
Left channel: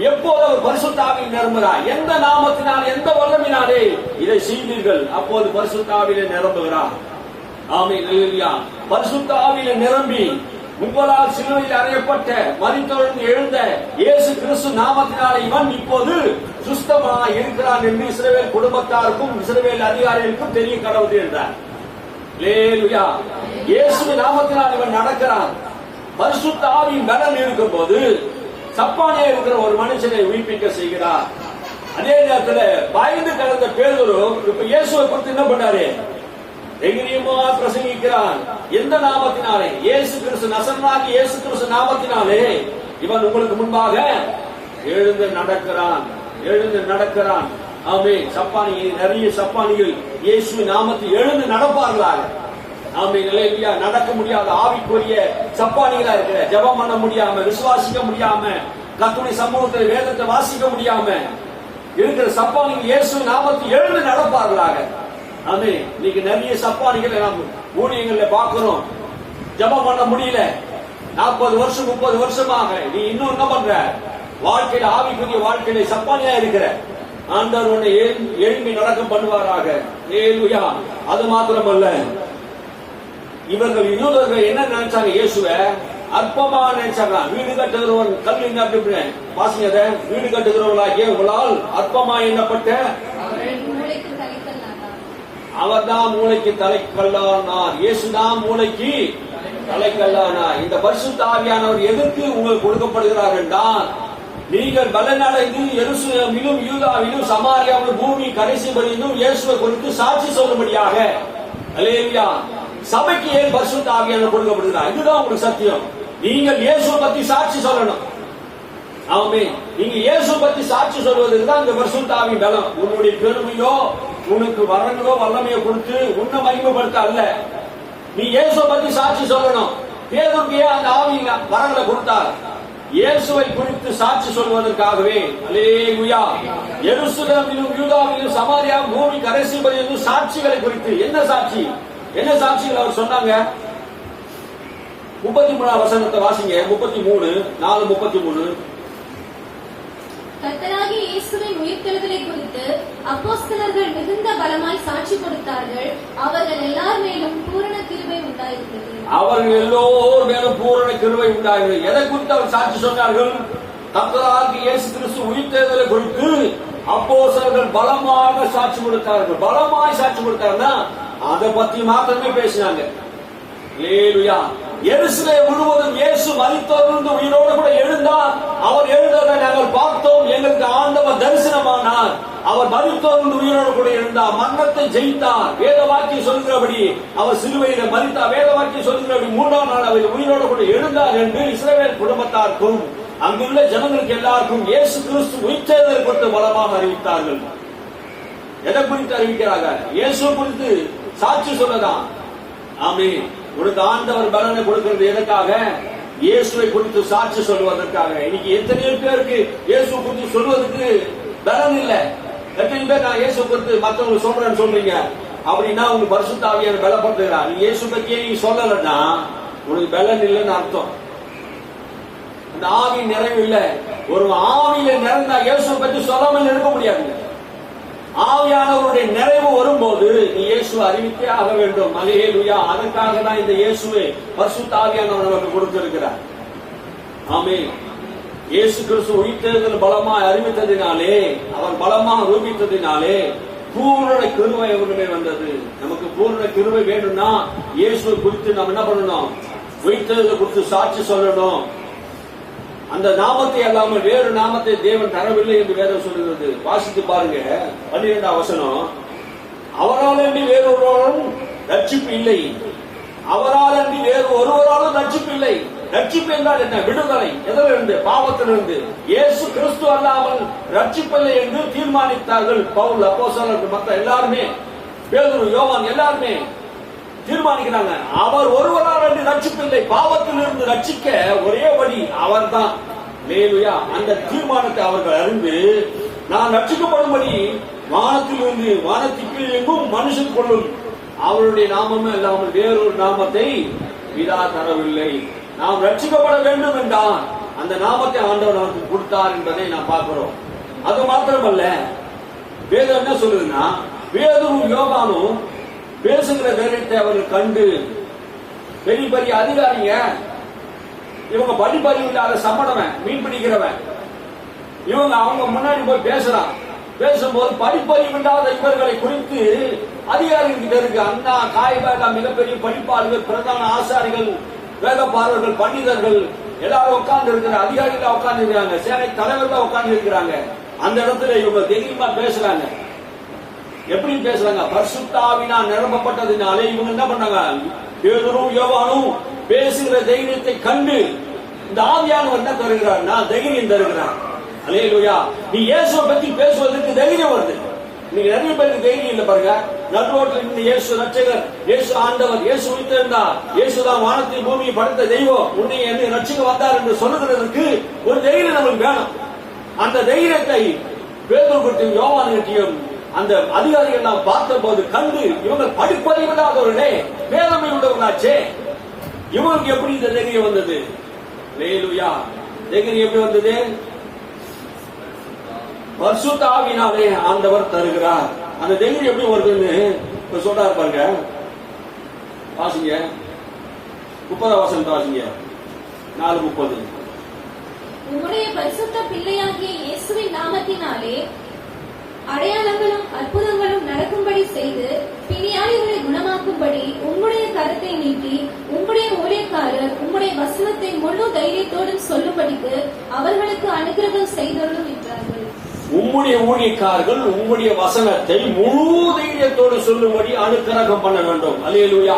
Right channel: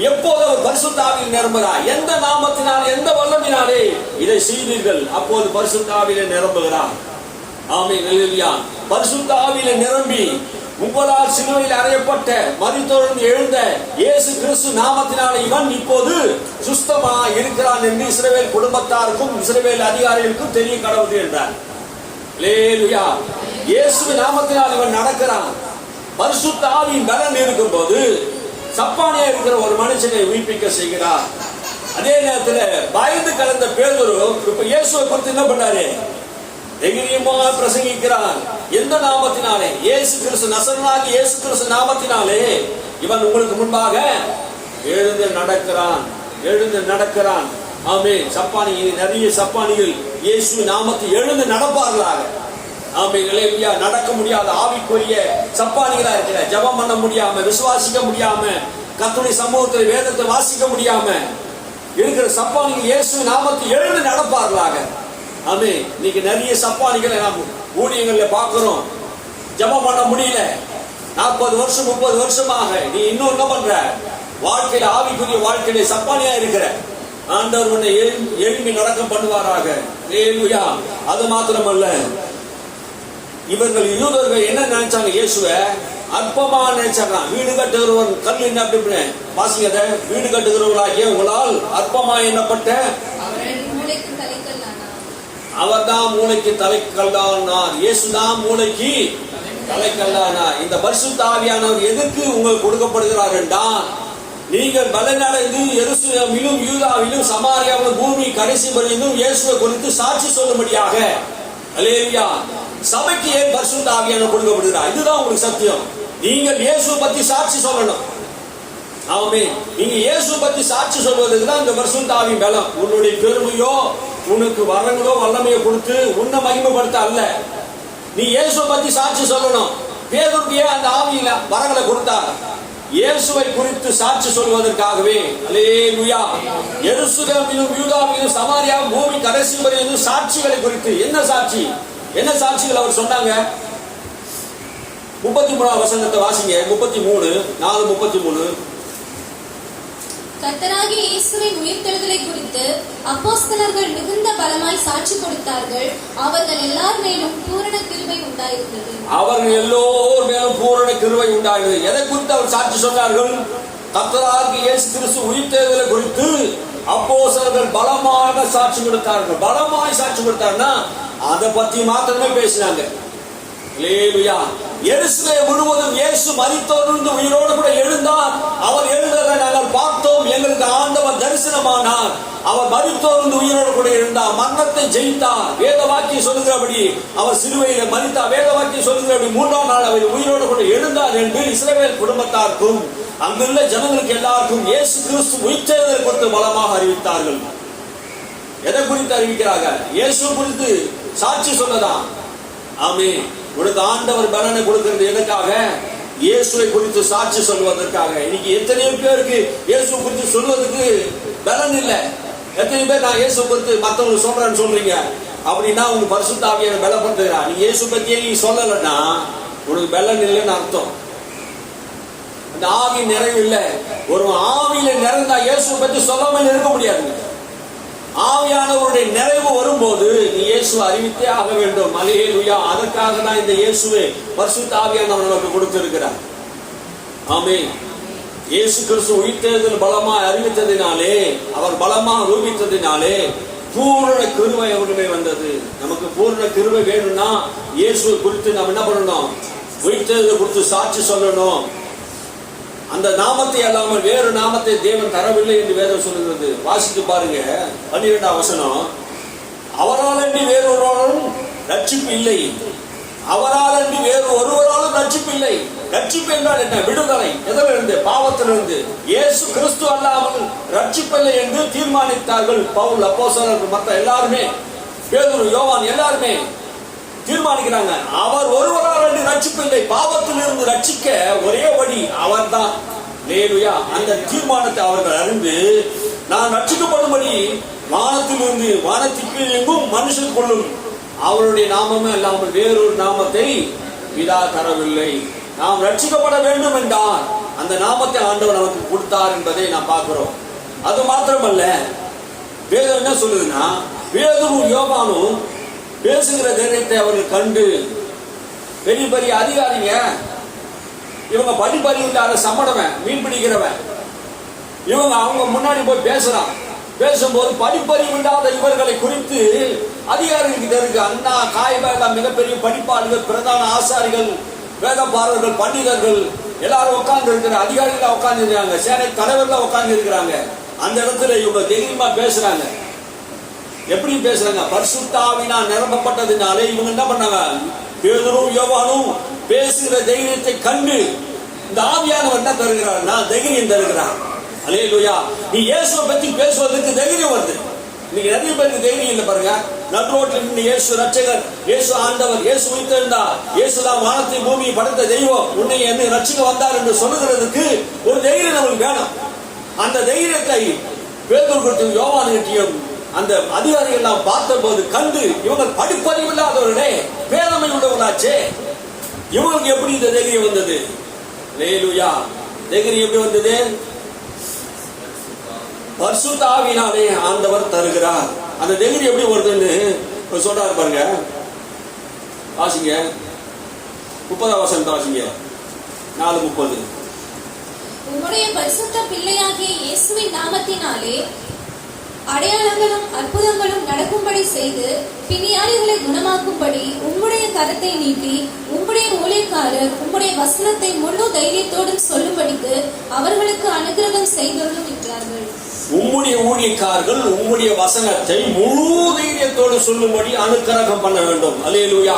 எப்போது அவர் பரிசுத்த ஆவியில் நிரம்புகிறார்? எந்த நாமத்தினால் எந்த வல்லமினாலே இதை செய்தீர்கள்? அப்போது பரிசுத்த ஆவியிலே நிரம்புகிறார். ஆமென், அல்லேலூயா. பரிசுத்த ஆவியிலே நிரம்பி உங்களால் சிலுவையில் அறையப்பட்ட மரித்தொழுந்து எழுந்த இயேசு கிறிஸ்து நாமத்தினாலே இவன் இப்போது சுஸ்தமா இருக்கிறான் என்று இஸ்ரவேல் குடும்பத்தாருக்கும் இஸ்ரவேல் அதிகாரிகளுக்கும் தெரிய கடவுது என்றார். அல்லேலூயா. இயேசுவின் நாமத்தினால் இவன் நடக்கிறான். பரிசுத்த ஆவியின் பலன் இருக்கும் போது சப்பானியா இருக்கிற ஒரு மனுஷனை உயிர்ப்பிக்க செய்கிறார். அதே நேரத்தில் பயந்து கலந்த பேதுரு இப்ப இயேசுவை குறித்து என்ன பண்ணாரு? தைரியமா பிரசங்கிக்கிறான். எந்த நாமத்தினாலே? இயேசு கிறிஸ்து, நசரேயனாகிய இயேசு கிறிஸ்து நாமத்தினாலே இவன் உங்களுக்கு முன்பாக எழுந்து நடக்கிறான். ஆமென். நிறைய சப்பானிகள் இயேசுவின் நாமத்தை எழுந்து நடப்பார்களாக. ஆமென், அல்லேலூயா. நடக்க முடியாத ஆவிக்குரிய சப்பானிகளா இருக்கிற, ஜெபம் பண்ண முடியாம, விசுவாசிக்க முடியாம, கர்த்தருடைய சமூகத்தில் வேதத்தை வாசிக்க முடியாம இருக்கிற சப்பானிகள் இயேசுவின் நாமத்தை எழுந்து நடப்பார்களாக. ஆமென். இன்னைக்கு நிறைய சப்பானிகளை நாம் ஊழியங்கள்ல பார்க்கிறோம். ஜெபம் பண்ண முடியல. 40 வருஷம் 30 வருஷமாக நீ இன்னும் என்ன பண்ற? வாழ்க்கையில, ஆவிக்குரிய வாழ்க்கையில சப்பானியா இருக்கிற. ஆண்டவர் உன்னை எழும்பி நடக்க பண்ணுவாராக. அல்லேலூயா. அது மாத்திரமல்ல, இவர்கள் யூதர்கள் என்ன நினைச்சாங்க? இயேசுவை அற்பமா நினைச்சாங்க. வீடு கட்டுகிறவன் கல் என்ன அப்படி வாசிங்க, வீடு கட்டுகிறவர்களாகிய உங்களால் அற்பமா எண்ணப்பட்ட அவர் தான் மூளைக்கு தலைக்கல்லானார். இயேசுதான் மூளைக்கு தலைக்கல்லானார். இந்த பரிசுத்த ஆவியானவர் எதற்கு உங்களுக்கு கொடுக்கப்படுகிறார் என்றால், நீங்கள் பலனடைந்து எருசலேமிலும் யூதாவிலும் சமாரியாவிலும் பூமி கடைசி வரையிலும் இயேசுவை குறித்து சாட்சி சொல்லும்படியாக. அல்லேலூயா. சபைக்கு ஏன் பரிசுத்த ஆவியானவர் கொடுக்கப்படுகிறார்? இதுதான் உங்களுக்கு சத்தியம். நீங்கள் இயேசுவை பத்தி சாட்சி சொல்லணும். ஆமென். நீங்க இயேசுவை பத்தி சாட்சி சொல்வதற்கு தான் இந்த பரிசுத்த ஆவியின் பலம். உன்னுடைய பெருமையோ, உனக்கு வரங்களோ வல்லமையோ கொடுத்து உன்னை மகிமைப்படுத்த அல்ல. நீ இயேசுவை பத்தி சாட்சி சொல்லணும். பேதுருக்கே அந்த ஆவியில வரங்களை கொடுத்தார். இயேசுவை குறித்து சாட்சி சொல்வதற்காகவே. அல்லேலூயா. எருசலேமிலும் யூதாவிலும் சமாரியாவிலும் பூமி கடைசி வரையிலும் சாட்சிகளை குறித்து. என்ன சாட்சி? என்ன சாட்சிகள் அவர் சொன்னாங்க? 33 வசனத்தை வாசிங்க. 33:4-33. கர்த்தராகிய இயேசுவின் உயிர்த்தெழுதலை குறித்து அப்போஸ்தலர்கள் மிகுந்த பலமாய் சாட்சி கொடுத்தார்கள். அவர்கள் எல்லார் மேலும் பூரண கிருபை உண்டாயிருந்தது. எதை குறித்து அவர் சாட்சி சொன்னார்கள்? கர்த்தராகிய இயேசு கிறிஸ்து உயிர்த்தெழுதலை குறித்து அப்போஸ்தலர்கள் பலமாக சாட்சி கொடுத்தார்கள். பலமாய் சாட்சி கொடுத்தார்னா அதை பத்தி மாத்திரமே பேசினாங்க. அல்லேலூயா. எருசலேம் முழுவதும் இயேசு மரித்தோரிலிருந்து உயிரோடு கூட எழுந்தார். அவர் எழுந்ததை நாங்கள் பார்த்தோம். எங்களுக்கு ஆண்டவர் தரிசனமானார். அவர் மரித்தோரிலிருந்து உயிரோடு கூட எழுந்தார். மரணத்தை ஜெயித்தார். வேத வாக்கியம் சொல்லுகிறபடி அவர் சிலுவையில மரித்தார். வேத வாக்கியம் சொல்லுகிறபடி 3ஆம் நாள் அவர் உயிரோடு கூட எழுந்தார் என்று இஸ்ரவேல் குடும்பத்தாருக்கும் அங்குள்ள ஜனங்களுக்கு எல்லாருக்கும் இயேசு கிறிஸ்து உயிர்த்தெழுதலை குறித்து பலமாக அறிவித்தார்கள். எதை குறித்து அறிவிக்கிறார்கள்? இயேசு குறித்து சாட்சி சொல்லதான். ஆமென். உனக்கு ஆண்டவர் பலனை கொடுக்கிறது எதற்காக? இயேசுவை குறித்து சாட்சி சொல்வதற்காக. இன்னைக்கு எத்தனையோ பேருக்கு இயேசு குறித்து சொல்வதற்கு பலன் இல்லை. எத்தனை பேர் நான் இயேசு குறித்து மற்றவங்க சொல்றேன்னு சொல்றீங்க அப்படின்னா உங்க பரிசுத்த ஆவியானவர் பலப்படுத்துகிறார். நீ இயேசு பத்தியே நீ சொல்லலன்னா உனக்கு பலன் இல்லைன்னு அர்த்தம். அந்த ஆவி நிறைவு இல்லை. ஒரு ஆவியில நிறைந்தா இயேசு பத்தி சொல்லாமல் இருக்க முடியாதுங்க. ஆவியானவருடைய நிறைவு வரும்போது நீ இயேசுவை அறிவித்தே ஆக வேண்டும். அல்லேலூயா. அதற்காக தான் இந்த இயேசுவை பரிசுத்த ஆவியானவர் நமக்கு கொடுத்திருக்கிறார். ஆமென். இயேசு கிறிஸ்து உயிர்த்தெழுதல் பலமாய் அறிவித்ததினாலே, அவர் பலமாக ரூபித்ததினாலே பூரண கிருபை அவருமே வந்தது. நமக்கு பூரண கிருபை வேணும்னா இயேசுவை குறித்து நம்ம என்ன பண்ணணும்? உயிர்த்தெழுதல் குறித்து சாட்சி சொல்லணும். அந்த நாமத்தை அல்லாமல் வேறு நாமத்தை தேவன் தரவில்லை என்று வேதம் சொல்லுகிறது. வாசித்து பாருங்க 12ஆம் வசனம். அவரால் வேறொருவரும் ரட்சிப்பு இல்லை. அவரால் அன்றி வேறு ஒருவராலும் ரட்சிப்பு இல்லை. ரட்சிப்பு என்றால் என்ன? விடுதலை. எதிலிருந்து? பாவத்திலிருந்து. இயேசு கிறிஸ்து அல்லாமல் ரட்சிப்பில்லை என்று தீர்மானித்தார்கள் பவுல், அப்போஸ்தலர்கள், மற்ற எல்லாருமே, பேதுரு, யோவான் எல்லாருமே தீர்மானிக்கிறாங்க. அவர் ஒருவரால் அன்றி ரட்சிப்பில்லை. பாவத்திலிருந்து ரட்சிக்க ஒரே வழி அவர்தான். அல்லேலூயா. அந்த தீர்மானத்தை அவர்கள் அறிந்து நான் ரட்சிக்கப்படும்படி வானத்திலிருந்து வானத்திற்கு எங்கும் மனுஷனுக்குள்ளும் அவருடைய நாமமே அல்லாமல் வேறொரு நாமத்தை பிதா தரவில்லை. நாம் ரட்சிக்கப்பட வேண்டும் என்றால் அந்த நாமத்தை ஆண்டவர் நமக்கு கொடுத்தார் என்பதை நாம் பார்க்கிறோம். அது மாத்திரமல்ல, வேதம் என்ன சொல்லுதுன்னா, பேதுரும் யோவானும் பேசுகிற தைரியத்தை அவர்கள் கண்டு, பெரிய பெரிய அதிகாரிங்க, இவங்க படிப்பறிவு இல்லாத சம்மடவன், மீன் பிடிக்கிறவன், இவங்க அவங்க முன்னாடி போய் பேசுறான். பேசும்போது படிப்பறிவு இல்லாத இவர்களை குறித்து அதிகாரிகிட்ட இருக்கு. அண்ணா காய்பா மிகப்பெரிய படிப்பாளிகள், பிரதான ஆசாரிகள், வேதபாரர்கள், பண்டிதர்கள் எல்லாரும் உட்கார்ந்து இருக்கிற அதிகாரிகளா உட்கார்ந்து இருக்கிறாங்க, சேனை தலைவர்களா உட்கார்ந்து இருக்கிறாங்க. அந்த இடத்துல இவங்க தைரியமா பேசுறாங்க. எப்படி பேசுறாங்க? பரிசுத்த ஆவியினால் நிரப்பப்பட்டதுனாலே இவங்க என்ன பண்ணாங்க? பேதுரும் யோவானும் பேசுகிற தைரியத்தை கண்டு இந்த ஆவியானவர் என்ன தருகிறார்? நான் தைரியம் தருகிறார். அல்லேலூயா. நீ இயேசுவை பத்தி பேசுவதற்கு தைரியம் வருது. இன்னைக்கு நிறைய பேருக்கு தைரியம் இல்லை பாருங்க. நடு ரோட்ல நின்று இயேசு ரட்சகர், இயேசு ஆண்டவர், இயேசு உயிர்த்தெழுந்தார், இயேசுதான் வானத்தை பூமியை படைத்த தெய்வம், உன்னை என்ன ரட்சிக்க வந்தார் என்று சொல்லுகிறதுக்கு ஒரு தைரியம் நமக்கு வேணும். அந்த தைரியத்தை பேதுரு கிட்டயும் யோவான் கிட்டயும் அந்த அதிகாரிகள் எல்லாம் பார்த்த போது கண்டு, இவங்க படிப்பறிவு இல்லாதவர்களே, வேதமை உள்ளவர்களாச்சே, இவங்களுக்கு எப்படி இந்த தைரியம் வந்தது? அல்லேலூயா. தைரியம் எப்படி வந்தது? பரிசுத்த ஆவியினாலே ஆண்டவர் தருகிறார். அந்த தைரியம் எப்படி வருதுன்னு சொல்றாரு பாருங்க. வாசிங்க 30 வசனத்தை வாசிங்க. 4:30. உம்முடைய பரிசுத்த பிள்ளையாகிய இயேசுவின் நாமத்தினாலே அடையாளங்களும் அற்புதங்களும் நடக்கும்படி செய்து பிணியாளிகளை குணமாக்கும்படி உம்முடைய கரத்தை நீட்டி உம்முடைய ஊழியக்காரர் உம்முடைய வசனத்தை முழு தைரியத்தோடு சொல்லும்படிக்கு அவர்களுக்கு அனுகிரகம் செய்தவர்களும் என்றார்கள். உம்முடைய ஊழியக்காரர்கள் உம்முடைய வசனத்தை முழு தைரியத்தோடு சொல்லும்படி அனுக்கிரகம் பண்ண வேண்டும். அல்லேலூயா.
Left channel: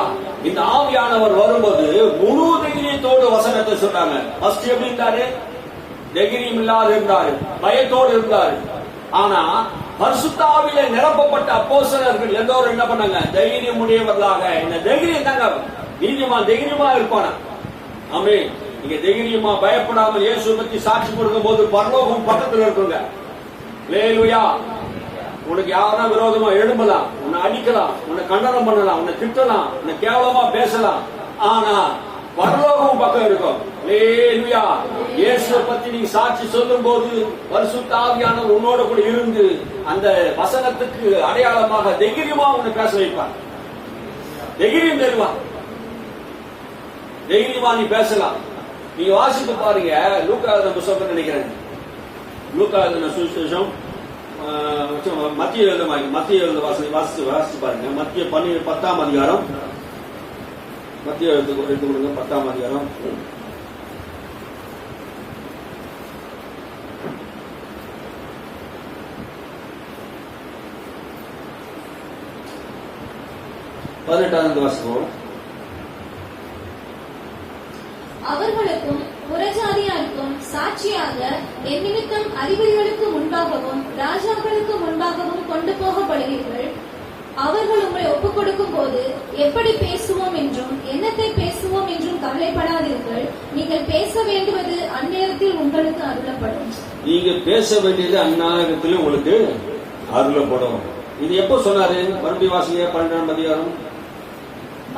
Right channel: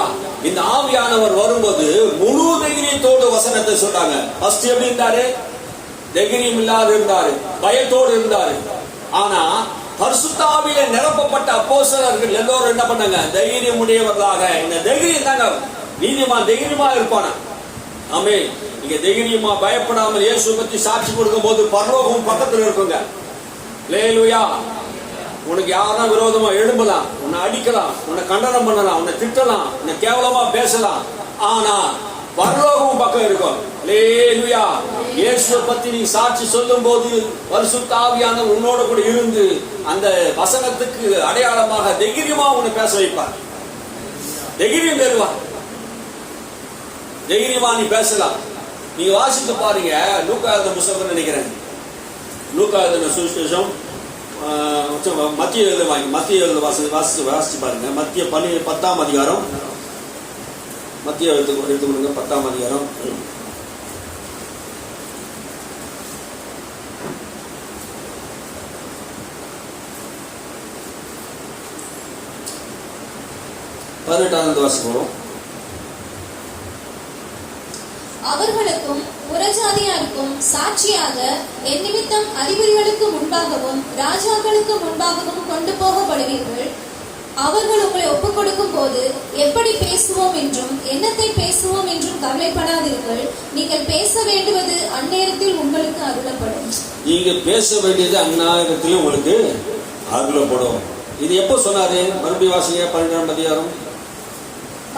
இந்த ஆவியானவர் வரும்போது முழு தைரியத்தோடு வசனத்தை சொன்னாங்க. ஃபர்ஸ்ட் எப்படி இருந்தாரு? தைரியம் இல்லாத இருந்தாரு, பயத்தோடு இருந்தாரு. ஆனா பரிசுத்த ஆவியில நிரப்பப்பட்ட அப்போஸ்தலர்கள் எல்லாரும் என்ன பண்ணாங்க? தைரியம் உடையவர்களாக. இந்த தைரியம் தாங்க நீதிமான் தைரியமா இருப்பானா. ஆமென். நீங்க தைரியமா பயப்படாமல் இயேசுவை பத்தி சாட்சி கொடுக்கும் போது பரலோகம் பக்கத்துல இருக்குங்க. அல்லேலூயா. உனக்கு யாரா விரோதமா எழும்பலாம், உன்னை அடிக்கலாம், உன்னை கண்டனம் பண்ணலாம், உன்னை திட்டலாம், உன்னை கேவலமா பேசலாம், ஆனா பரலோகம் பக்கம் இருக்கும். அல்லேலூயா. இயேசுவை பத்தி நீ சாட்சி சொல்லும் போது பரிசுத்த ஆவியானவர் உன்னோட கூட இருந்து அந்த வசனத்துக்கு அடையாளமாக தைரியமா உன்னை பேச வைப்பார். தைரியம் தருவார். தைரியமா நீ பேசலாம். நீங்க வாசித்து பாருங்க. லூக்கா எழுதின புத்தகம் நினைக்கிறேன். லூக்கா எழுதின சுவிசேஷம், மத்திய எழுத வாசிச்சு பாருங்க. மத்திய 10ஆம் அதிகாரம், மத்திய எடுத்துக்கொள்ளுங்க. 10ஆம் அதிகாரம். வாசிப்போம். அவர்களுக்கும் புறஜாதியாருக்கும் சாட்சியாக என் நிமித்தம் அதிபதிகளுக்கு முன்பாகவும் ராஜாக்களுக்கு முன்பாகவும் கொண்டு போகப்படுவீர்கள். அவர்கள் உங்களை ஒப்புக் கொடுக்கும் போது எப்படி பேசுவோம் என்றும் என்னத்தை பேசுவோம் என்றும் கவலைப்படாதீர்கள். நீங்கள் பேச வேண்டுவது அந்நேரத்தில் உங்களுக்கு அருளப்படும். நீங்க பேச வேண்டியது அந்நேரத்தில் உங்களுக்கு அருளப்படும். இது எப்ப சொன்னாரு? மறுபடியும் வாசிங்க. 12ஆம் அதிகாரம்.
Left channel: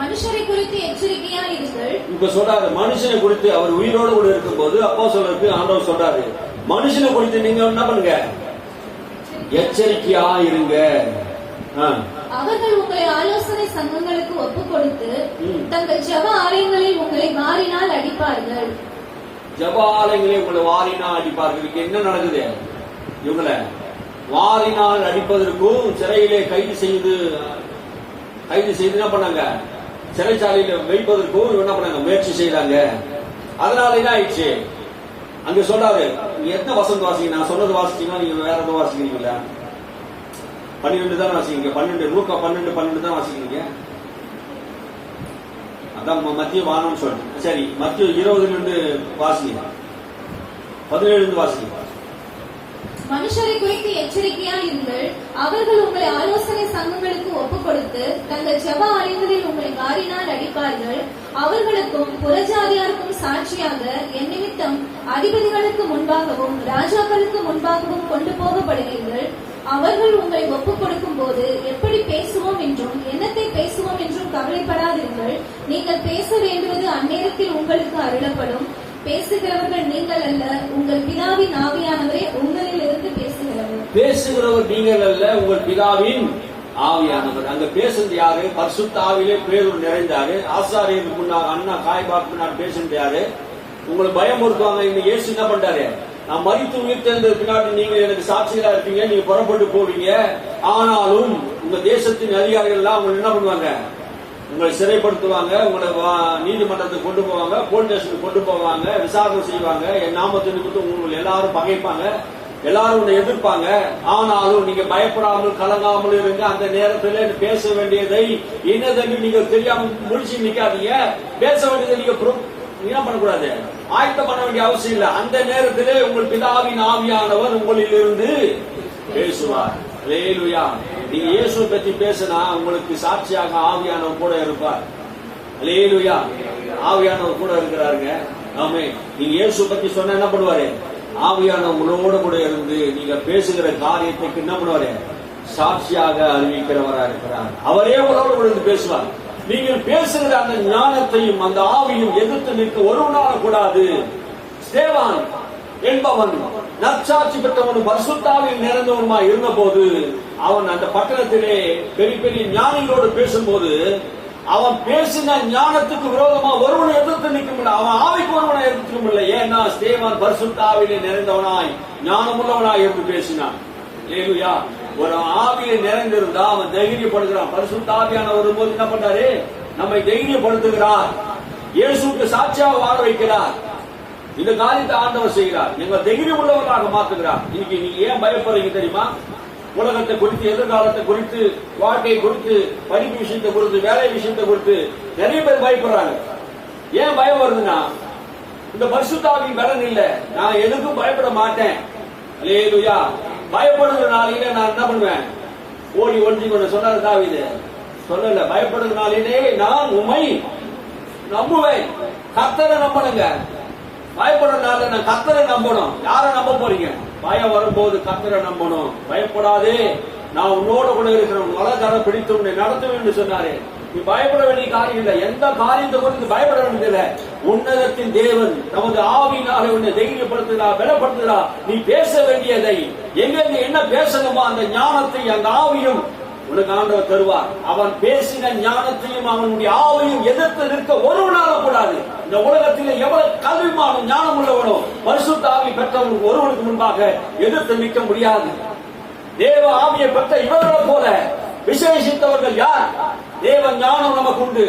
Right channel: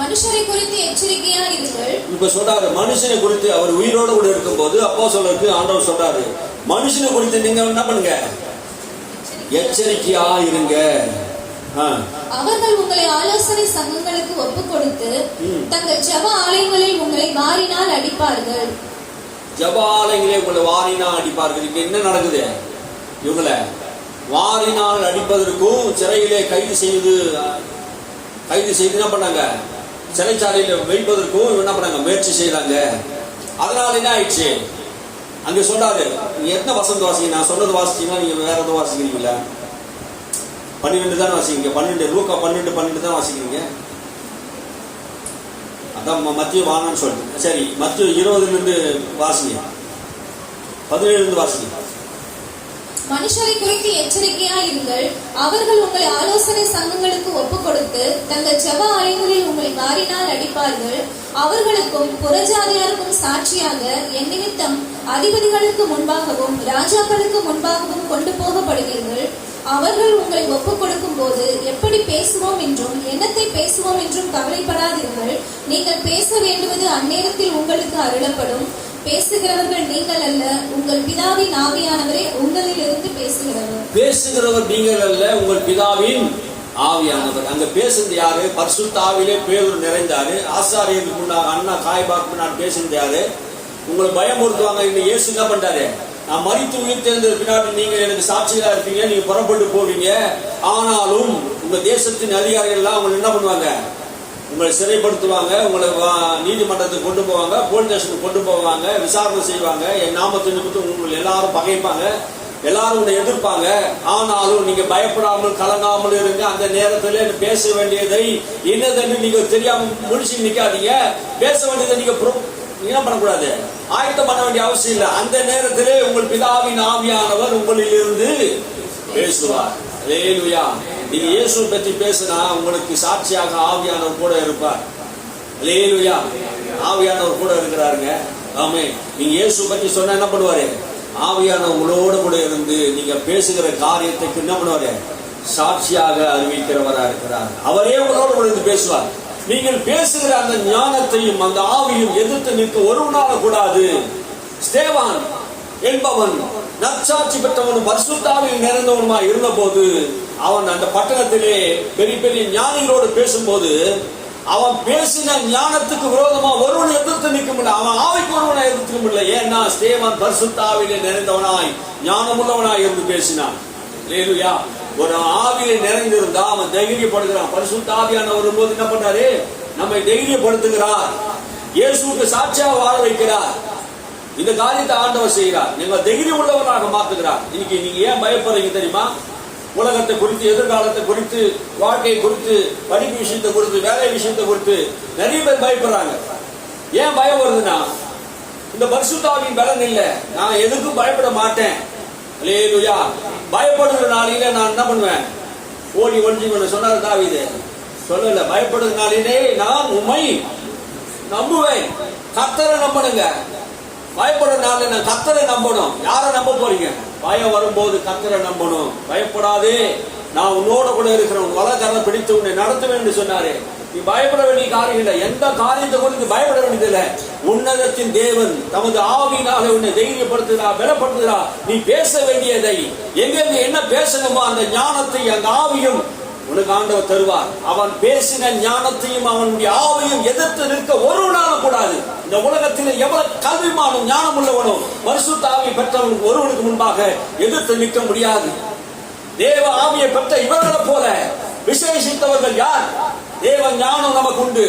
மனுஷரை குறித்து எச்சரிக்கையா இருங்கள். இப்ப சொல்றாரு மனுஷனை குறித்து. அவர் உயிரோடு கூட இருக்கும் போது அப்போஸ்தலருக்கு ஆண்டவர் சொல்றாரு, மனுஷனை குறித்து நீங்க என்ன பண்ணுங்க? எச்சரிக்கையா இருங்க. அவர்கள் உங்களை ஆலோசனை சங்கங்களுக்கு ஒப்புக் கொடுத்து தங்கள் ஜெப ஆலயங்களில் உங்களை வாரினால் அடிப்பார்கள். ஜெப ஆலயங்களே உங்களை வாரினால் அடிப்பார்கள். இங்க என்ன நடக்குது? இவங்களை வாரினால் அடிப்பதற்கும் சிறையிலே கைது செய்து என்ன பண்ணாங்க? சிறைச்சாலையில வைப்பதற்கும் என்ன பண்ணாங்க? முயற்சி செய்தாங்க. அதனால என்ன ஆயிடுச்சு? அங்க சொல்றாரு, நீங்க எத்தனை வசனம் வாசிங்க? நான் சொன்னது வாசிச்சீங்கன்னா நீங்க வேற எதுவும் வாசிக்கிறீங்களா? 12 தான் வாசிக்கிறீங்க. 12 லூக்கா 12 தான் வாசிக்கிறீங்க. அதான் மத்திய வானம்னு சொல்லிட்டு. சரி, மத்திய 20 வாசிங்க, 17 வாசிங்க. மனுஷரை குறித்து எச்சரிக்கையாய் இருங்கள். அவர்கள் உங்களை ஆலோசனை சங்கங்களுக்கு ஒப்புக் கொடுத்து தங்கள் ஜெப ஆலயங்களில் உங்களை வாரினால் அடிப்பார்கள். அவர்களுக்கும் புறஜாதியாருக்கும் சாட்சியாக என் நிமித்தம் அதிபதிகளுக்கு முன்பாகவும் ராஜாக்களுக்கு முன்பாகவும் கொண்டு போகப்படுவீர்கள். அவர்கள் உங்களை ஒப்புக் கொடுக்கும் போது எப்படி பேசுவோம் என்றும் என்னத்தை பேசுவோம் என்றும் கவலைப்படாதீர்கள். நீங்கள் பேச வேண்டுவது அந்நேரத்தில் உங்களுக்கு அருளப்படும். பேசுகிறவர்கள் நீங்கள் அல்ல, உங்கள் பிதாவின் ஆவியானவரே உங்களில் இருந்து பேசுகிறவர். பேசுகிறவர் நீங்கள் அல்ல, உங்கள் பிதாவின் ஆவியானவர். அங்க பேசுறது யாரு? பரிசுத்த ஆவியிலே பேதுரு நிறைந்தாரு. ஆசாரியருக்கு முன்னாக அண்ணா காய்பாக்கு முன்னாடி பேசுறது யாரு? உங்களை பயமுறுத்துவாங்க. இன்னைக்கு இயேசு என்ன பண்றாரு? நான் மரித்து உயிர்த்தெழுந்த பின்னாடி நீங்க எனக்கு சாட்சிகளா இருப்பீங்க, நீங்க புறப்பட்டு போவீங்க. ஆனாலும் உங்க தேசத்தின் அதிகாரிகள் எல்லாம் அவங்க என்ன பண்ணுவாங்க? உங்களை சிறைப்படுத்துவாங்க, உங்களை நீதிமன்றத்துக்கு கொண்டு போவாங்க, போலீஸ் ஸ்டேஷனுக்கு கொண்டு போவாங்க, விசாரணை செய்வாங்க. என் நாமத்தை நிமித்தம் உங்களை எல்லாரும் பகைப்பாங்க, எல்லாரும் உன்னை எதிர்ப்பாங்க. ஆனாலும் நீங்க பயப்படாமல் கலங்காமல் இருங்க. அந்த நேரத்துல பேச வேண்டியதை என்னதுன்னு நீங்க தெரியாம முடிச்சு நிக்காதீங்க. பேச வேண்டியதை நீங்க என்ன பண்ணக்கூடாது, ஆயத்தம் பண்ண வேண்டிய அவசியம் இல்லை. அந்த நேரத்திலே உங்கள் பிதாவின் ஆவியானவர் உங்களில் இருந்து பேசுவார். அல்லேலூயா. நீங்க இயேசுவை பற்றி பேசினா உங்களுக்கு சாட்சியாக ஆவியானவர் கூட இருப்பார். அல்லேலூயா. ஆவியானவர் கூட இருக்கிறாருங்க. ஆமே. நீங்க இயேசுவை பற்றி சொன்ன என்ன பண்ணுவாரு? ஆவியானவர் உங்களோட கூட இருந்து நீங்க பேசுகிற காரியத்துக்கு என்ன பண்ணுவாரு? சாட்சியாக அறிவிக்கிறவரா இருக்கிறார். அவரே உங்களோட கூட இருந்து பேசுவார். நீங்கள் பேசுகிற அந்த ஞானத்தையும் அந்த ஆவியும் எதிர்த்து நிற்க ஒருவனால கூடாது. ஸ்தேவான் என்பவன் நற்சாட்சி பெற்றவனும் பரிசுத்த ஆவியில் நிறைந்தவனுமா இருந்த போது அவன் அந்த பட்டணத்திலே பெரிய பெரிய ஞானிகளோடு பேசும்போது அவன் பேசின ஞானத்துக்கு விரோதமா ஒருவனை எதிர்த்து நிற்க முடியல. அவன் ஆவிக்கு ஒருவனை எதிர்த்து முடியல. ஏன்னா ஸ்தேவான் பரிசுத்த ஆவியிலே நிறைந்தவனாய் ஞானமுள்ளவனாய் இருந்து பேசினான். அல்லேலூயா. ஒரு ஆவியை நிறைந்திருந்தா அவன் தைரியப்படுகிறான். பரிசுத்த ஆவியான வரும்போது என்ன பண்றாரு? நம்மை தைரியப்படுத்துகிறார். இயேசுவுக்கு சாட்சியாக வாழ வைக்கிறார். இந்த காரியத்தை ஆண்டவர் செய்கிறார். நீங்கள் தைரியம் உள்ளவராக மாத்துகிறார். இன்னைக்கு நீங்க ஏன் பயப்படுறீங்க தெரியுமா? உலகத்தை குறித்து, எதிர்காலத்தை குறித்து, வாழ்க்கை குறித்து, படிப்பு விஷயத்தை குறித்து, வேலை விஷயத்தை குறித்து நிறைய பேர் பயப்படுறாங்க. ஏன் பயம் வருதுன்னா இந்த பரிசுத்த ஆவியின் பலன் இல்லை. நான் எதுக்கும் பயப்பட மாட்டேன். அல்லேலூயா. பயப்படுகிற நாளிலே நான் என்ன பண்ணுவேன்? ஓடி ஒழிஞ்சுக்கொண்டு சொன்னாரு தாவீது. சொல்லல, பயப்படுகிற நாளிலே நான் உம்மை நம்புவேன். கர்த்தரை நம்பணுங்க. பயப்படுற நாள்ல நான் கர்த்தரை நம்பணும். யாரை நம்ப போறீங்க? பயம் வரும்போது கர்த்தரை நம்பணும். பயப்படாதே, நான் உன்னோட கூட இருக்கிறேன், வலக்கரம் பிடித்து உன்னை நடத்துவேன் என்று சொன்னாரு. நீ பயப்பட வேண்டிய காரியம் இல்லை. எந்த காரியத்தை குறித்து பயப்பட வேண்டியதில்லை. உன்னதத்தின் தேவன் தமது ஆவியினாலே உன்னை தைரியப்படுத்துகிறார், பலப்படுத்துகிறார். நீ பேச வேண்டியதை எங்க என்ன பேசணுமோ அந்த ஞானத்தை அந்த ஆவியும் உனக்கு ஆண்டவர் தருவார். அவன் பேசின ஞானத்தையும் அவனுடைய ஆவியும் எதிர்த்து நிற்க ஒரு நாளும் கூடாது. இந்த உலகத்தில் எவ்வளவு கல்விமானும் ஞானம் உள்ளவனும் பரிசுத்த ஆவி பெற்றவன் ஒருவனுக்கு முன்பாக எதிர்த்து நிற்க முடியாது. தேவ ஆவியை பெற்ற இவர்களை போல விசேஷித்தவர்கள் யார்? தேவ ஞானம் நமக்கு உண்டு,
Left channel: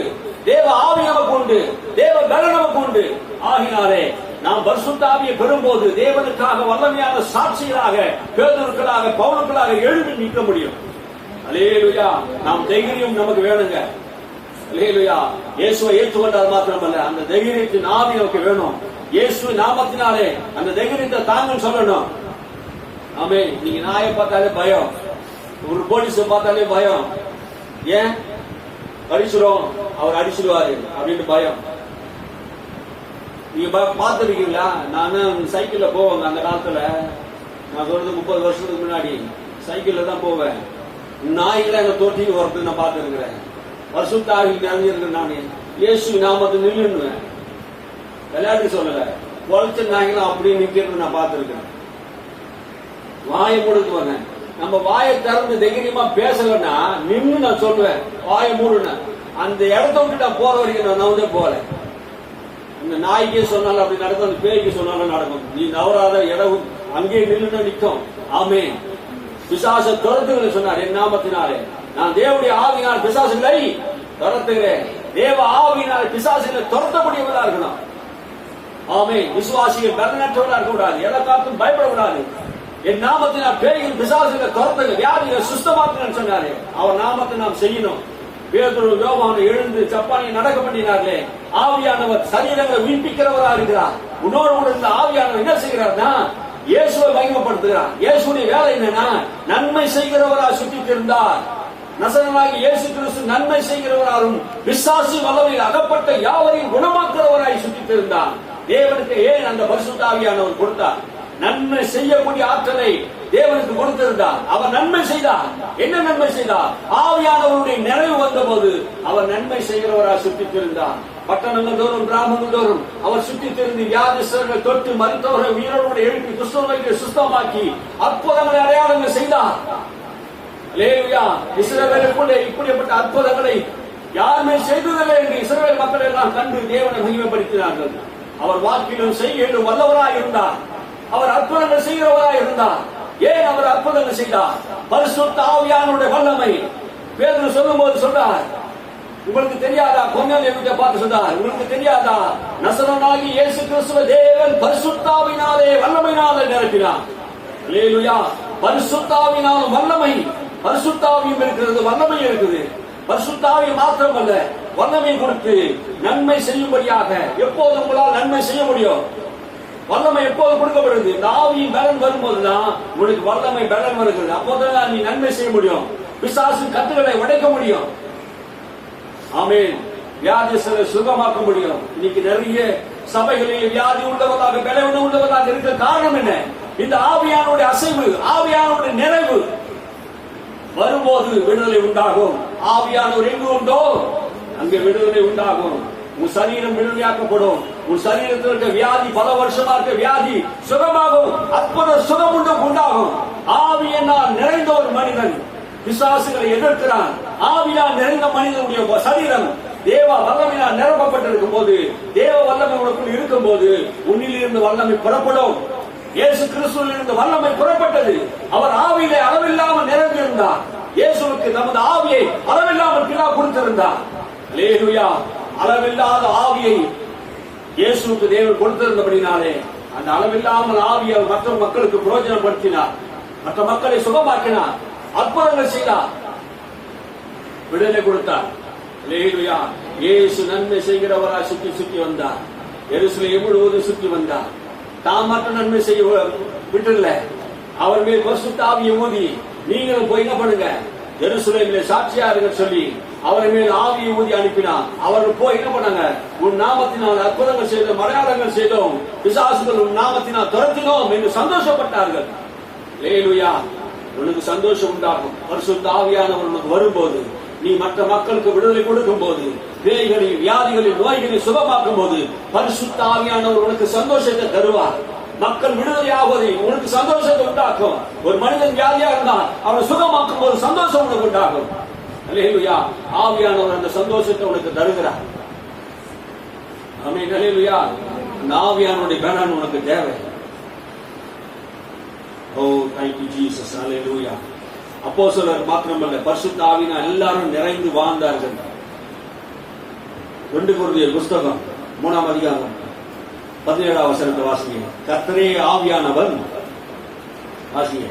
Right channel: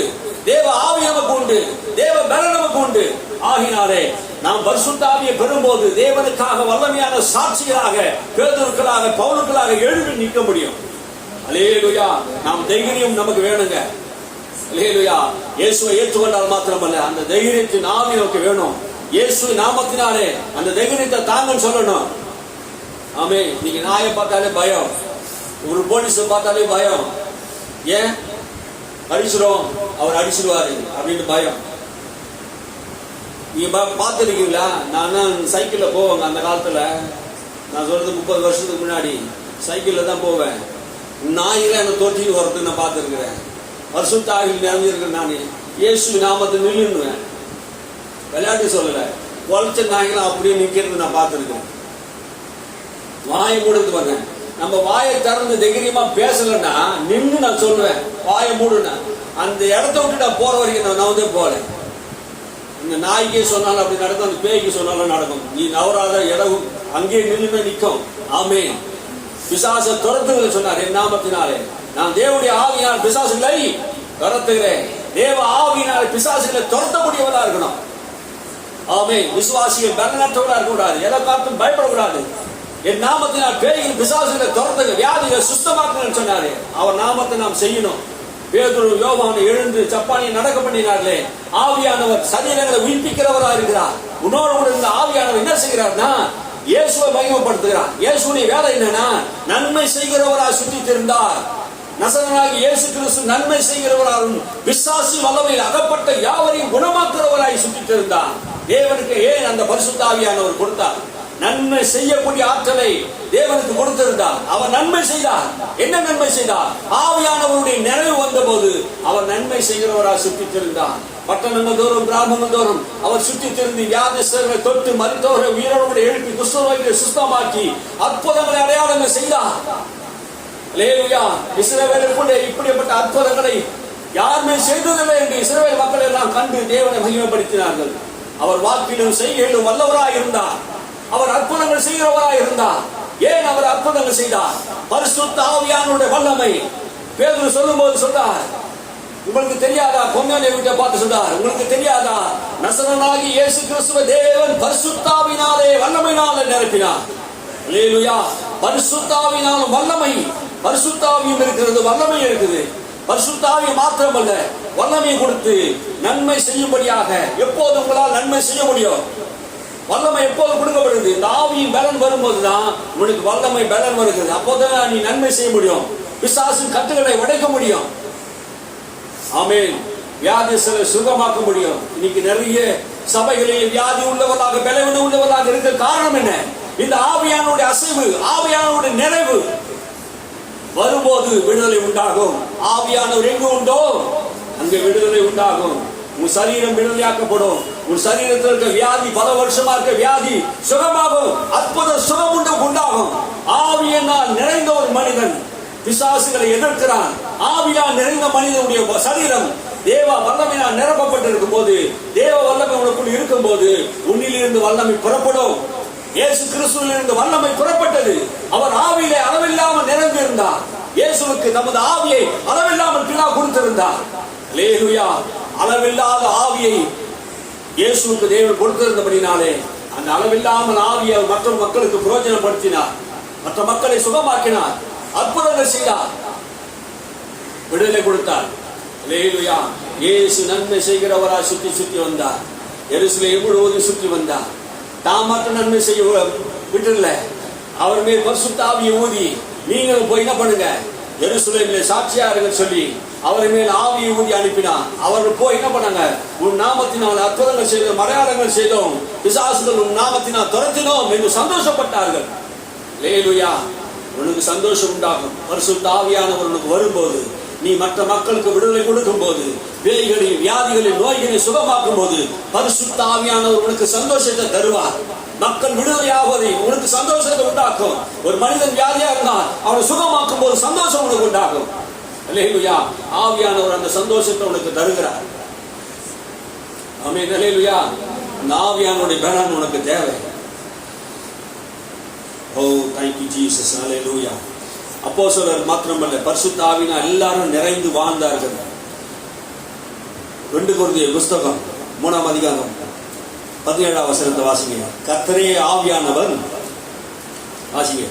தேவ ஆவி நமக்கு உண்டு, தேவ பலம் நமக்கு உண்டு. ஆகினாலே நாம் பரிசுத்த ஆவியை பெறும்போது தேவனுக்காக வல்லமையான சாட்சிகளாக, பேதுருக்களாக, பவுலுக்களாக எழுப்பி நிற்க முடியும். அல்லேலூயா. நாம் தைரியம் நமக்கு வேணுங்க. அல்லேலூயா. இயேசுவை ஏற்றுக்கொண்டால் மாத்திரமல்ல, அந்த தைரியத்தின் ஆவி நமக்கு வேணும். இயேசு நாமத்தினாலே அந்த தைரியத்தை தாங்கன்னு சொல்லணும். ஆமே. நீங்க நாயை பார்த்தாலே பயம், ஒரு போலீஸை பார்த்தாலே பயம். ஏன்? அடிச்சிடும், அவர் அடிச்சிடுவாரு அப்படின்னு பயம். நீங்க பார்த்துருக்கீங்களா? நான் சைக்கிள்ல போவேங்க. அந்த காலத்துல நான் சொல்றது 30 வருஷத்துக்கு முன்னாடி சைக்கிள்ல தான் போவேன். நாய்களை என்ன தொட்டிட்டு வரது நான் பார்த்துருக்கிறேன். பரிசுத்த ஆவியில் நிறைஞ்சிருக்கிறேன். நான் இயேசு நாமத்தை நில்லுன்னுவேன். விளையாட்டு சொல்லல. குறைச்ச நாய்களும் அப்படியே நிக்கிறது நான் பார்த்துருக்கிறேன். வாயை மூடுறது வந்தேன். நம்ம வாயை திறந்து தைரியமா பேசலன்னா நின்று நான் சொல்லுவேன், வாயை மூடுன. அந்த இடத்த விட்டு நான் போற வரைக்கும் நான் வந்து போல. அந்த நாய்க்கே சொன்னாலும் அப்படி நடக்கும், அந்த பேய்க்கு சொன்னாலும் நடக்கும். நீ நவராத இடம் அங்கேயே நின்று நிற்கும். ஆமே. பிசாச துரத்துகளை சொன்னார் என் நாமத்தினாலே. நான் தேவனுடைய ஆவியினால் பிசாசுகளை துரத்துகிறேன். தேவ ஆவியினாலே பிசாசுகளை துரத்தக்கூடியவர்களா இருக்கணும். ஆமே. விசுவாசிகள் பலனற்றவர்களா இருக்கக்கூடாது. எதை காத்தும் பயப்படக்கூடாது. என் நாமத்தினால் பேய்கள் பிசாசுகளை துரத்துங்க, வியாதிகளை சுத்தமாக்குங்கன்னு சொன்னாரு. அவர் நாமத்தை நாம் செய்யணும். பேதுரு யோவானை எழுந்து ஜப்பானியை நடக்க பண்ணினார்களே, ஆவியானவர் சரீரங்களை உயிர்ப்பிக்கிறவரா இருக்கிறார். உன்னோடு கூட இந்த ஆவியானவர் என்ன செய்கிறார்னா இயேசுவை மகிமைப்படுத்துகிறார். இயேசுடைய வேலை என்னன்னா நன்மை செய்கிறவரா சுற்றித் இருந்தார். நசரேயனாகிய இயேசு கிறிஸ்து நன்மை செய்கிறவராலும் விசுவாசி வல்லமையில் அகப்பட்ட யாவரையும் குணமாக்குறவராய் சுற்றித் இருந்தார். தேவனுக்கு ஏன் அந்த பரிசுத்த ஆவியானவர் கொடுத்தார்? நன்மை செய்யக்கூடிய ஆற்றலை தேவனுக்கு கொடுத்திருந்தார். அவர் நன்மை செய்தார். என்ன நன்மை செய்தார்? ஆவியானவருடைய நிறைவு வந்த போது அவர் நன்மை செய்கிறவராக சுற்றித் இருந்தார். பட்டணங்கள் தோறும் கிராமங்கள் தோறும் அவர் சுற்றித் திருந்து வியாதிஸ்தர்களை தொட்டு மருத்துவரை உயிரோடு எழுப்பி குஷ்டரோகிகளை சுத்தமாக்கி அற்புதங்களை அடையாளங்கள் செய்தார். அல்லேலூயா. இஸ்ரவேலுக்குள்ளே இப்படிப்பட்ட அற்புதங்களை யாருமே செய்ததில்லை என்று இஸ்ரவேல் மக்கள் எல்லாம் கண்டு தேவனை மகிமைப்படுத்தினார்கள். அவர் வாக்கிலும் செய்கையிலும் வல்லவராய் இருந்தார். அவர் அற்புதங்கள் செய்கிறவராய் இருந்தார். ஏன் அவர் அற்புதங்கள் செய்தார்? பரிசுத்த ஆவியானுடைய வல்லமை. பேதுரு சொல்லும்போது சொல்றார், உங்களுக்கு தெரியாதா? கொர்நேலியை வீட்டை பார்த்து சொல்றார், உங்களுக்கு தெரியாதா? நசரேயனாகிய இயேசு கிறிஸ்துவை தேவன் பரிசுத்த ஆவியினாலே வல்லமையினாலே நிரப்பினார். அல்லேலூயா. பரிசுத்த ஆவியினாலும் வல்லமை, பரிசுத்த ஆவியும் இருக்கிறது, வல்லமை இருக்குது. பரிசுத்த ஆவி மாத்திரமல்ல, வல்லமை கொடுத்து நன்மை செய்யும்படியாக. எப்போது உங்களால் நன்மை செய்ய முடியும்? வல்லமை எப்போது கொடுக்கப்படுது? இந்த ஆவியின் பலன் வரும்போதுதான் உனக்கு வல்லமை பலன் வருகிறது. அப்போதான் நீ நன்மை செய்ய முடியும். பிசாசின் கட்டுகளை உடைக்க முடியும். ஆமென். வியாதிஸ்தரை சுகமாக்க முடியும். இன்னைக்கு நிறைய சபைகளில் வியாதி உள்ளவர்களாக பலவீனம் உள்ளவர்களாக இருக்க காரணம் என்ன? இந்த ஆவியானுடைய அசைவு, ஆவியானுடைய நிறைவு வரும்போது விடுதலை உண்டாகும். ஆவியானவர் எங்கு உண்டோ அங்கே விடுதலை உண்டாகும். உன் சரீரம் விடுதலையாக்கப்படும். உன் சரீரத்தில் இருக்க வியாதி, பல வருஷமா இருக்க வியாதி சுகமாகும். அற்புத சுகம் உண்டாகும். ஆவியினால் நிறைந்த ஒரு மனிதன் பிசாசுகளை எதிர்க்கிறான். ஆவியால் நிறைந்த மனிதனுடைய சரீரம் தேவ வல்லமையினால் நிரப்பப்பட்டிருக்கும் போது, தேவ வல்லமை உனக்குள் இருக்கும் போது உன்னில் இருந்து வல்லமை புறப்படும். இயேசு கிறிஸ்துவில் இருந்து வல்லமை புறப்பட்டது. அவர் ஆவியிலே அளவில்லாமல் நிறைந்திருந்தார். இயேசுவுக்கு தமது ஆவியை அளவில்லாமல் பிதா கொடுத்திருந்தார். அல்லேலூயா. அளவில்லாத ஆவியை இயேசுவுக்கு தேவன் கொடுத்திருந்தபடினாலே அந்த அளவில்லாமல் ஆவியை மற்ற மக்களுக்கு பிரயோஜனப்படுத்தினார். மற்ற மக்களை சுகமாக்கினார். அற்புதங்கள் செய்தார். விடுதலை கொடுத்தார். அல்லேலூயா. இயேசு நன்மை செய்கிறவரா சுற்றி சுற்றி வந்தார். எருசலேம் முழுவதும் சுற்றி வந்தார். தாம் மட்டும் நன்மை செய்ய விட்டுல, அவர் மேல் பரிசுத்த ஆவியை ஊதி நீங்களும் போய் என்ன பண்ணுங்க, எருசலேமிலே சாட்சியார்கள் சொல்லி அவர் மேல் ஆவியை ஊதி அனுப்பினார். அவர்கள் போய் என்ன பண்ணாங்க? உன் நாமத்தினால் அற்புதங்கள் செய்தோம், அடையாளங்கள் செய்தோம், பிசாசுகள் உன் நாமத்தினால் துரத்தினோம் என்று சந்தோஷப்பட்டார்கள். அல்லேலூயா. உனக்கு சந்தோஷம் உண்டாகும். பரிசுத்த ஆவியானவர் உனக்கு வரும்போது, நீ மற்ற மக்களுக்கு விடுதலை கொடுக்கும் போது, பேய்களில் வியாதிகளில் நோய்களை சுகமாக்கும் போது பரிசுத்த ஆவியானவர் உனக்கு சந்தோஷத்தை தருவார். மக்கள் விடுதலையாவதை உனக்கு சந்தோஷத்தை உண்டாக்கும். ஒரு மனிதன் வியாதியா இருந்தால் அவனை சுகமாக்கும் போது சந்தோஷம் உனக்கு உண்டாகும். அல்லேலூயா. ஆவியானவர் அந்த சந்தோஷத்தை உனக்கு தருகிறார். ஆமென். அல்லேலூயா. அந்த ஆவியானவருடைய பலன் உனக்கு தேவை. ஓ thank you Jesus. அல்லேலூயா. அப்போஸ்தலர் மாத்திரமல்ல, பரிசுத்த ஆவியினால் எல்லாரும் நிறைந்து வாழ்ந்தார்கள். 2 கொரிந்தியர் புத்தகம் 3ஆம் அதிகாரம் 17ஆம் வசனத்தை வாசிங்க. கர்த்தரே ஆவியானவர். வாசிங்க.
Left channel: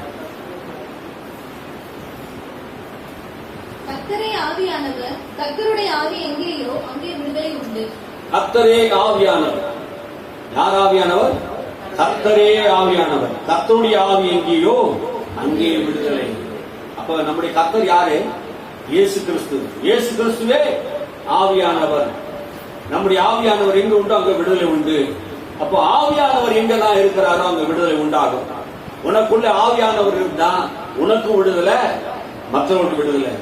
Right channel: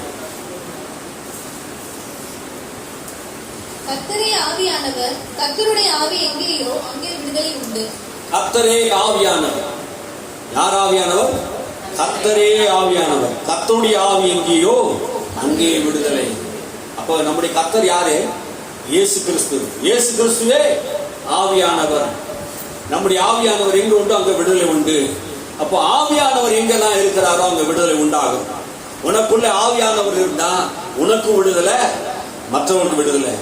கர்த்தரே ஆவியானவர். கர்த்தருடைய ஆவி எங்கேயோ அங்கே விடுதலை உண்டு. கர்த்தரே ஆவியானவர். யார் ஆவியானவர்? கர்த்தரே ஆவியானவர். கர்த்தருடைய ஆவி எங்கேயோ அங்கே விடுதலை. அப்ப நம்முடைய கர்த்தர் யாரு? இயேசு கிறிஸ்து. இயேசு கிறிஸ்துவே ஆவியானவர். நம்முடைய ஆவியானவர் எங்க உண்டோ அங்க விடுதலை உண்டு. அப்போ ஆவியானவர் எங்கெல்லாம் இருக்கிறாரோ அங்க விடுதலை உண்டாகும். உனக்குள்ள ஆவியானவர் இருந்தா உனக்கு விடுதலை, மற்றவனுக்கு விடுதலை.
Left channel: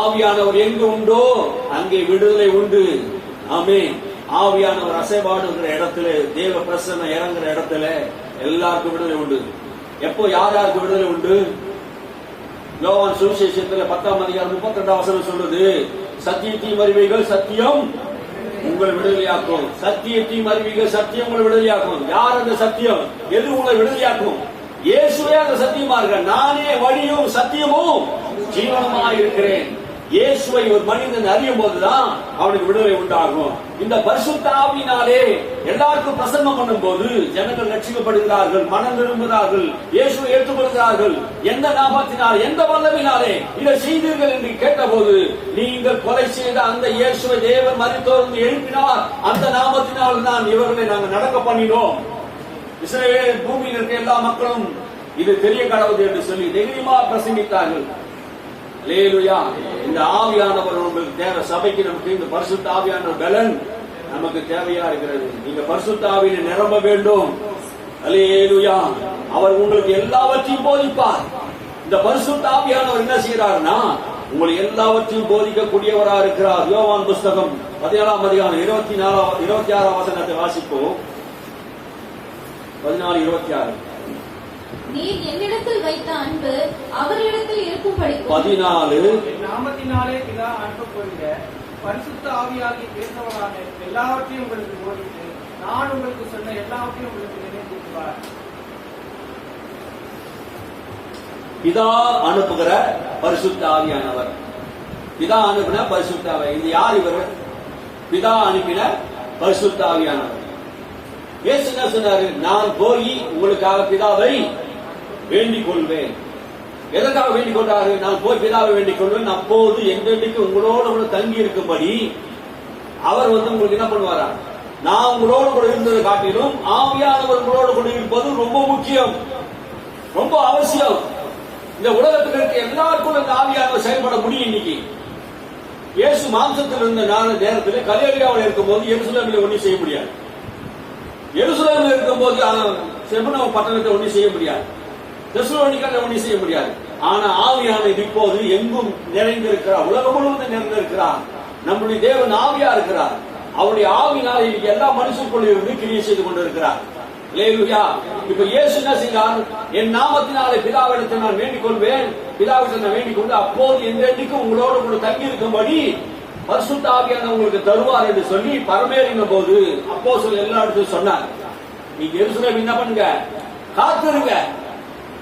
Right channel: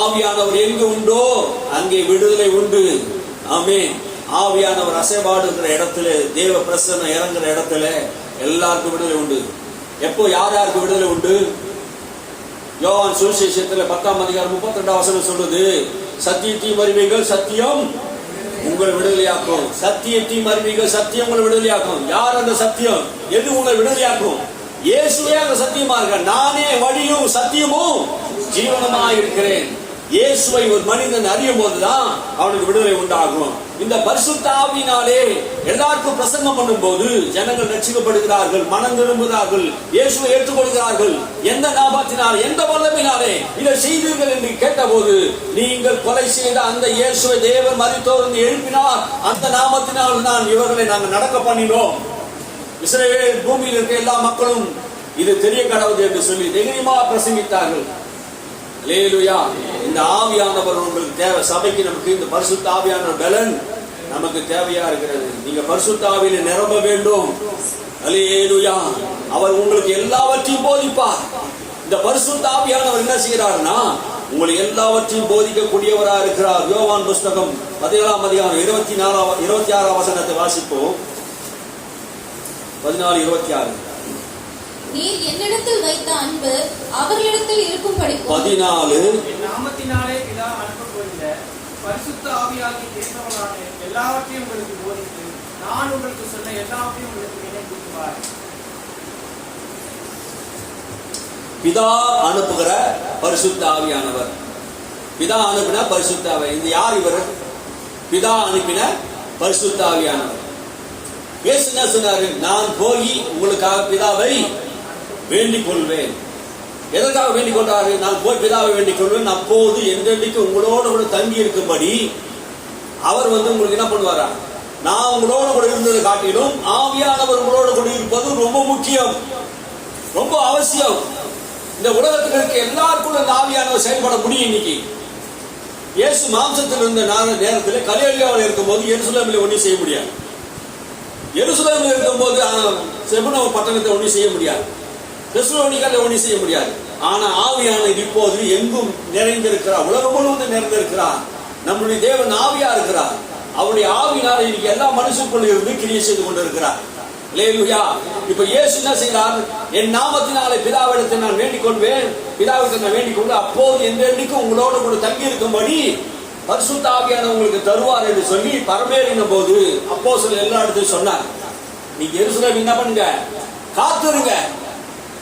ஆவியானவர் எங்க உண்டோ அங்கே விடுதலை உண்டு. ஆமென். ஆவியானவர் அசைபாடுகிற இடத்துல, தேவ பிரசன்னம் இறங்குற இடத்துல எல்லாருக்கும் விடுதலை உண்டு. எப்போ யார் யாருக்கு விடுதலை உண்டு? யோவான் சுவிசேஷத்துல 10ஆம் அதிகாரம் 32ஆம் வசனம் சொல்றது, சத்தியத்தையும் அறிவீர்கள், சத்தியம் உங்களை விடுதலையாக்கும். சத்தியத்தையும் அறிவீர்கள், சத்தியம் உங்களை விடுதலையாக்கும். யார் அந்த சத்தியம்? எது உங்களை விடுதலையாக்கும்? இயேசுவே அந்த சத்தியமா இருக்க. நானே வழியும் சத்தியமும் ஜீவனமாய் இருக்கிறேன். இயேசுவை ஒரு மனிதன் அறியும் போதுதான் அவனுக்கு விடுதலை உண்டாகும். இந்த பரிசுத்த ஆவியினாலே எல்லாருக்கும் பிரசங்கம் பண்ணும் போது ஜனங்கள் ரட்சிக்கப்படுகிறார்கள், மனம் திரும்புகிறார்கள், இயேசுவை ஏற்றுக்கொள்கிறார்கள். எந்த நாமத்தினால், எந்த வல்லமையினாலே இதை செய்தீர்கள் என்று கேட்டபோது, நீங்கள் கொலை செய்த அந்த இயேசுவை தேவன் மரித்தோர் எழுப்பினார், அந்த நாமத்தினால் நான் இவர்களை நாங்கள் நடக்க பண்ணினோம். இஸ்ரவேல் பூமியில் இருக்க எல்லா மக்களும் இது தெரிய கடவுது என்று சொல்லி தைரியமா பிரசங்கித்தார்கள். அல்லேலூயா. இந்த ஆவியானவர் உங்களுக்கு தேவை. சபைக்கு நமக்கு இந்த பரிசுத்த ஆவியானவர் பலன் நமக்கு தேவையா இருக்கிறது. நீங்க பரிசுத்த ஆவியில நிரம்ப வேண்டும். அல்லேலூயா. அவர் உங்களுக்கு எல்லாவற்றையும் போதிப்பார். இந்த பரிசுத்த ஆவியானவர் என்ன செய்கிறார்னா உங்களுக்கு எல்லாவற்றையும் போதிக்கக்கூடியவரா இருக்கிறார். யோவான் புஸ்தகம் 17ஆம் அதிகாரம் 26ஆம் வசனத்தை வாசிப்போம். 14:26. நீர் என்னிடத்தில் வைத்த அன்பு அவர்களிடத்தில் இருக்கும்படி 14 நாமத்தினாலே பிதா அனுப்பப்போகிற பரிசுத்த ஆவியாகிய தேவனான எல்லாவற்றையும் உங்களுக்கு போதித்து நான் உங்களுக்கு சொன்ன எல்லாவற்றையும் உங்களுக்கு நினைவூட்டுவார். பிதா அனுப்புகிற பரிசுத்த ஆவியானவர். பிதா அனுப்பின பரிசுத்த ஆவி. இந்த யார் இவர்? பிதா அனுப்பின பரிசுத்த ஆவியானவர். இயேசு என்ன சொன்னாரு? நான் போய் உங்களுக்காக பிதாவை வேண்டிக் கொள்வேன். எதற்காக வேண்டிக் கொண்டாரு? நான் போய் பிதாவை வேண்டிக் கொள்வேன், அப்போது என்றென்றைக்கு உங்களோட கூட தங்கி இருக்கும்படி அவர் உங்களுக்கு என்ன பண்ணுவாரா? நான் உங்களோட கூட இருந்ததை காட்டிலும் ஆவியானவர் உங்களோட கூட இருப்பது ரொம்ப முக்கியம், ரொம்ப அவசியம். இந்த உலகத்தில் இருக்க எல்லாருக்கும் இந்த ஆவியானவர் செயல்பட முடியும். இன்னைக்கு இயேசு மாம்சத்தில் இருந்த நேரத்தில் கலிலேயாவில் இருக்கும்போது எருசலேமில் ஒன்றும் செய்ய முடியாது. எருசலேமில் இருக்கும்போது செபுனோம் பட்டணத்தை ஒன்றும் செய்ய முடியாது, தெசலோனிக்கேல ஒன்றும் செய்ய முடியாது. ஆனா ஆவியானவர் இப்போது எங்கும் நிறைந்திருக்கிறார், உலகம் முழுவதும் நிறைந்திருக்கிறார். நம்முடைய தேவன் ஆவியா இருக்கிறார். அவருடைய ஆவியினால் இன்னைக்கு எல்லா மனுஷனுக்குள்ள இருந்து கிரியை செய்து கொண்டிருக்கிறார். அல்லேலூயா. இப்ப இயேசு என்ன செய்கிறார்? என் நாமத்தினாலே பிதாவிடத்தை நான் வேண்டிக் கொள்வேன், பிதாவிடத்தை நான் வேண்டிக் கொண்டு அப்போது என்றென்றைக்கும் உங்களோட கூட தங்கி இருக்கும்படி பரிசுத்த ஆவியானவர் உங்களுக்கு தருவார் என்று சொல்லி பரமேறின போது அப்போஸ்தலர் எல்லா இடத்தையும் சொன்னார். நீங்க எருசலேம் என்ன பண்ணுங்க? காத்துருங்க,